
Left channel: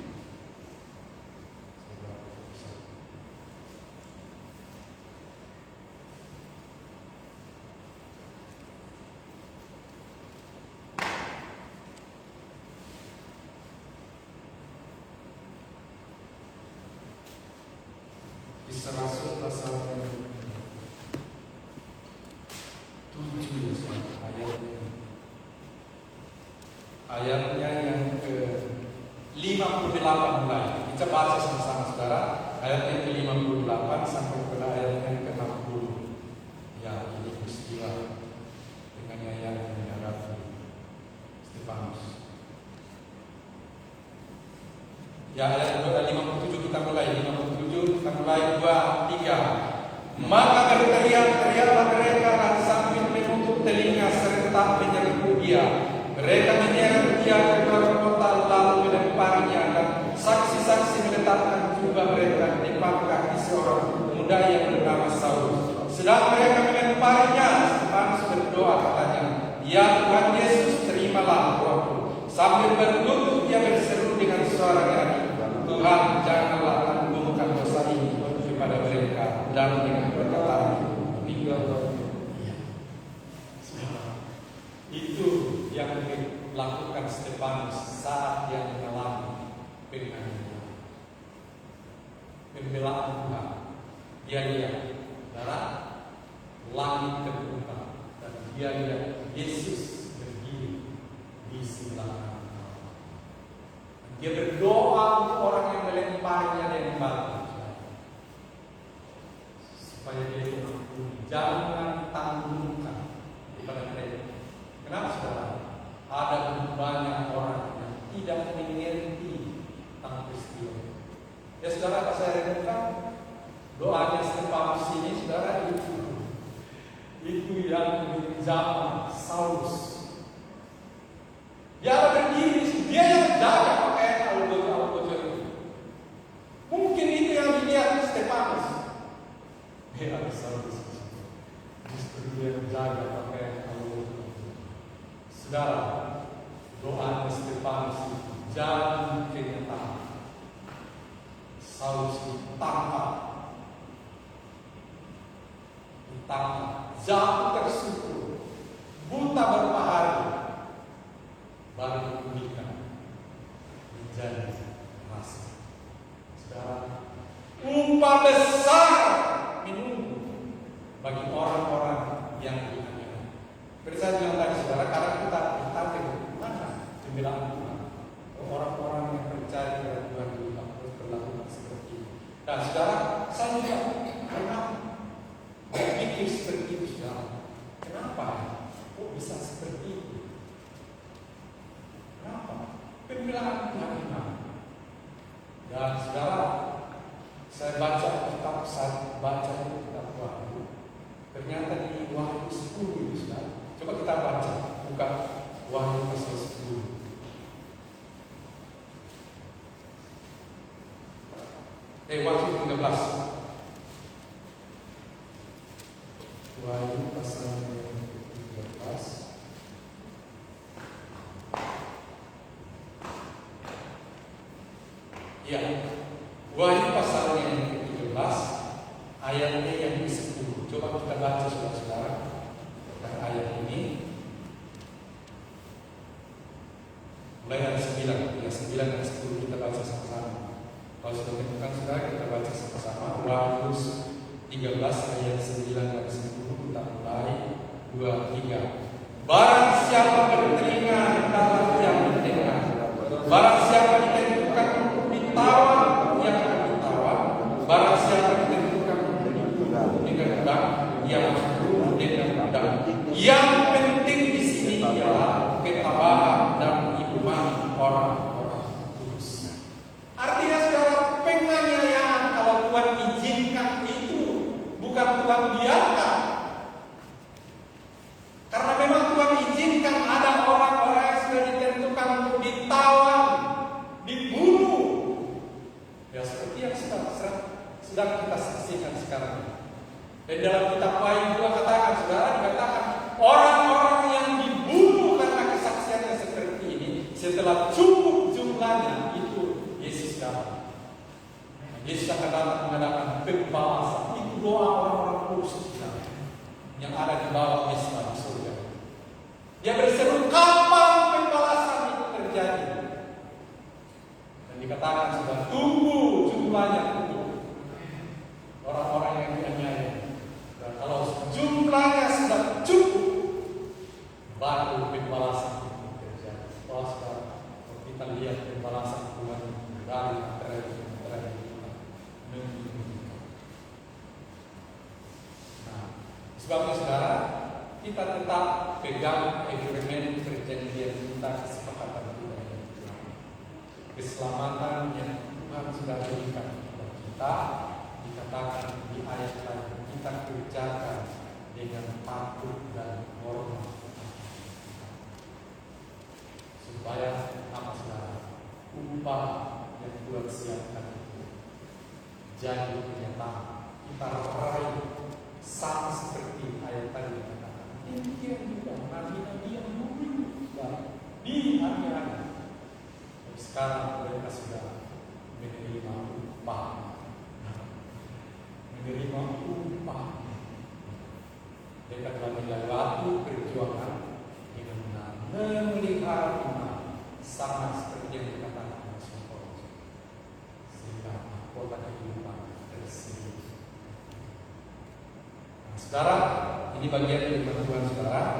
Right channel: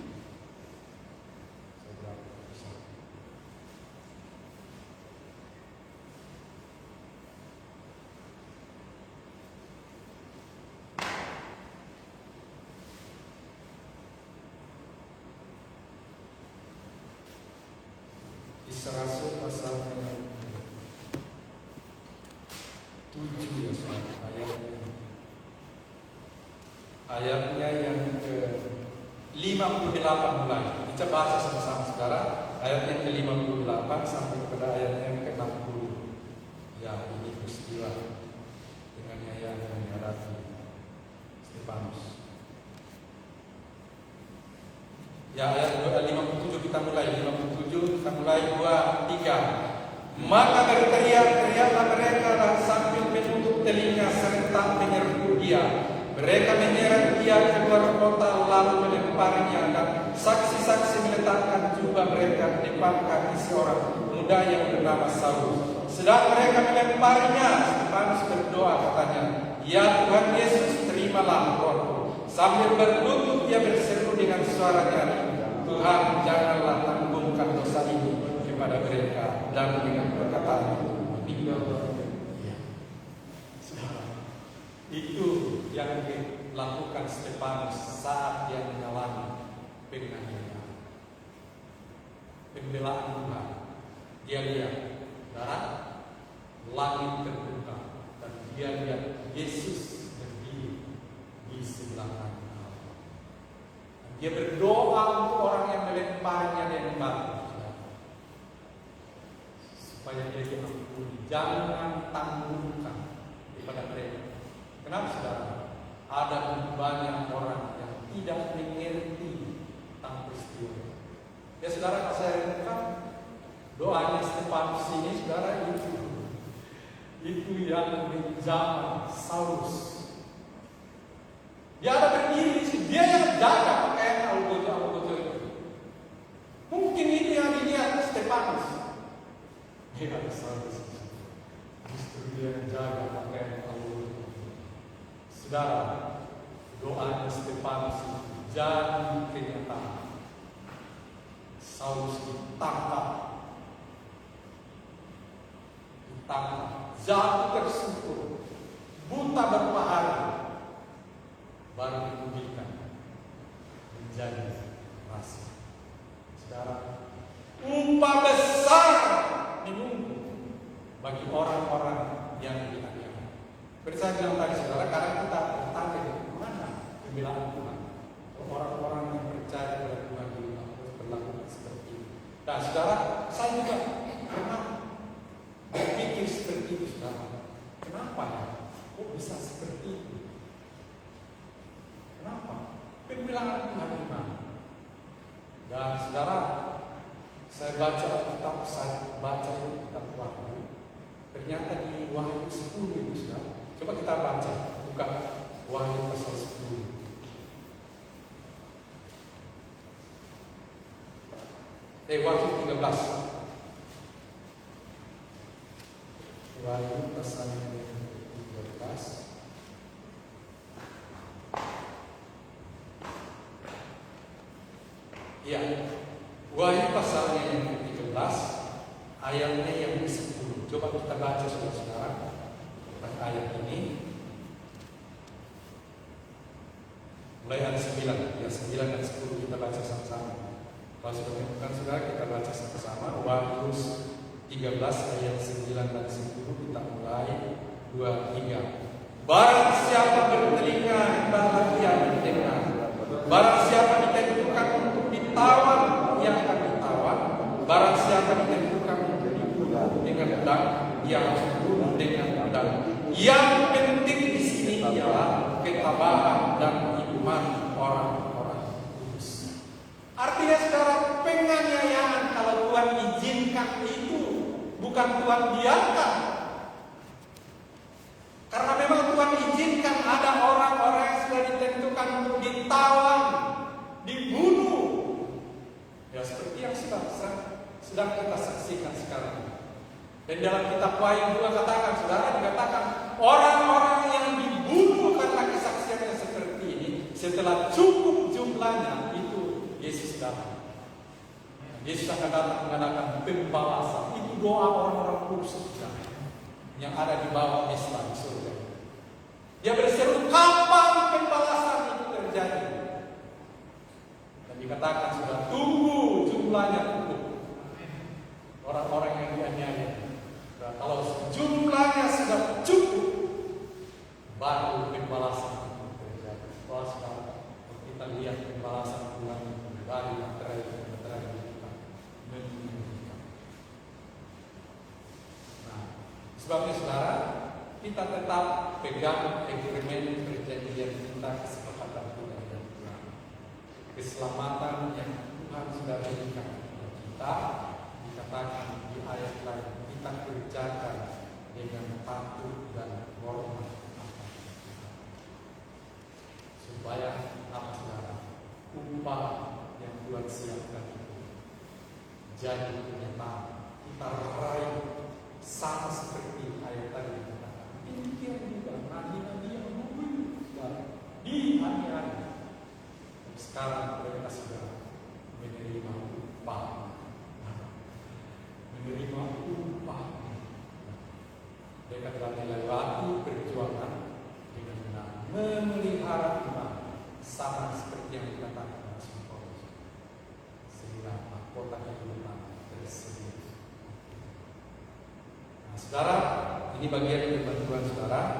Kisah Rasul pasal 7 ya saudara, ayatnya yang ke-58 mulai. Kita baca sama-sama saudara, ayat yang ke-58 sampai pada ayat yang ke-60. Ya, ini peristiwa dengan ayat yang menghadapi Stefanus. Ya, ayat 57 kita mulai. 57 kita mulai 2, 3. Maka berteriak-teriaklah mereka sambil menutup telinga serentak menyerbu dia. Mereka menyeret dia ke luar kota lalu melemparinya, dan saksi-saksi meletakkan jubah mereka di depan kaki seorang muda yang bernama Saul. Sedang mereka melemparinya, Stefanus berdoa katanya, ya Tuhan Yesus, terimalah doaku. Sambil berlutut dia berseru dengan suara nyaring, Tuhan janganlah tanggungan dosa ini kepada mereka. Dan dengan perkataan tinggal itu yang dilakukan Stefanus saat dia mengalami pembelaan Tuhan. Dia lihat langit terbuka dan dia lihat Yesus berdiri di sebelah kanan. Dia berdoa untuk orang yang melemparinya dengan batu. supaya dia diampuni. Jangan tanggungkan kepada mereka. Kenapa saudara? Ada banyak orang yang tidak mengerti tentang peristiwa. Ya saudara, pas saya renungkan doanya Stefanus ini, saudara, itu yang menjama Saulus. Dia berdiri, dia yang jaga pakai algojo. Mungkin itu yang dilihat Stefanus. Dia Saulus. Justru dia yang jaga pakai algojo. Saudara, doa Stefanus itu jadi kenyataan. Saulus ditangkap, jatuh tersungkur, buta berapa hari, baru dipulihkan menjadi rasa. Sekarang upah besar menunggu bagi orang-orang yang dianiaya. Seperti saya bilang tadi saudara, kadang kita bertanya mana pembelaan Tuhan. Orang-orang yang percaya kepada Tuhan juga harus berlaku seperti itu. Dan saudara, saya juga pernah berpikir seperti itu saudara. Kenapa? Kok bisa seperti itu? Kenapa? Pembelaan Tuhan ini. Dan saudara, saya baca kitab Wahyu. Ternyata di Wahyu 10 itu saudara. Coba kita baca, buka Wahyu pasal 10. Wahyu 13. Wahyu pasal 13. Ya, Wahyu pasalnya yang ke-13, ayatnya yang ke-10. Coba kita baca saudara-saudara tentang ayat ini. Mulai ayat 9, ya 9 dan 10 kita baca sama-sama. Kalau sudah menemukan saudara, kita baca sama-sama. Wahyu 13 ayat 9 dan 10 kita mulai 2, 3. Barang siapa bertelinga, hendaklah dia mendengar. Barang siapa ditentukan untuk ditawan, ia akan ditawan. Barang siapa ditentukan untuk dibunuh dengan pedang, ia akan dibunuh dengan pedang. Yang penting di sini ialah ketabahan dan iman orang-orang kudus. Artinya saudara, penganiayaan kalau Tuhan izinkan itu bukan Tuhan biarkan. Karena memang Tuhan izinkan ada orang-orang yang sudah ditentukan untuk ditawan, dibunuh. Ya seperti yang sedang kita saksikan sekarang. Dan dalam kitab Wahyu juga katakan, saudara, dikatakan orang-orang yang dibunuh karena kesaksiannya seperti ini, setelah cukup jumlahnya itu Yesus datang. Yesus akan datang mengadakan pembalasan. Itu doa orang-orang kudus yang ada di bawah Islam surga. Dia berseru, kapan pembalasan itu terjadi? Dan dikatakan sudah tunggu jumlahnya cukup. Orang-orang yang dianiaya. Dan kalau jumlahnya sudah cukup, baru pembalasan itu terjadi. Kalau sekarang kita lihat pembalasan Tuhan dari materai sebabnya saudara, kita tetap pegang agreement perjanjian kita, kesepakatan kita dengan Tuhan. Keselamatan yang Tuhan sudah berikan kepada kita, dikatakan di ayat lain, kita kerjakan dengan takut dan hormat supaya apa saudara, upah yang Tuhan siapkan itu jadi kenyataan. Kita raih sama seperti ayat tadi yang katakan. Demikian juga nabi-nabi yang dulu dianiaya. Sekarang mereka sudah menerima upah. Menerima upah. Mereka telah melewati perjuangan dengan memelihara iman sama seperti yang dikatakan Rasul Paulus. Sehingga mahkota kehidupan tersebut. Saudara, ini bagian dari bantuan saudara.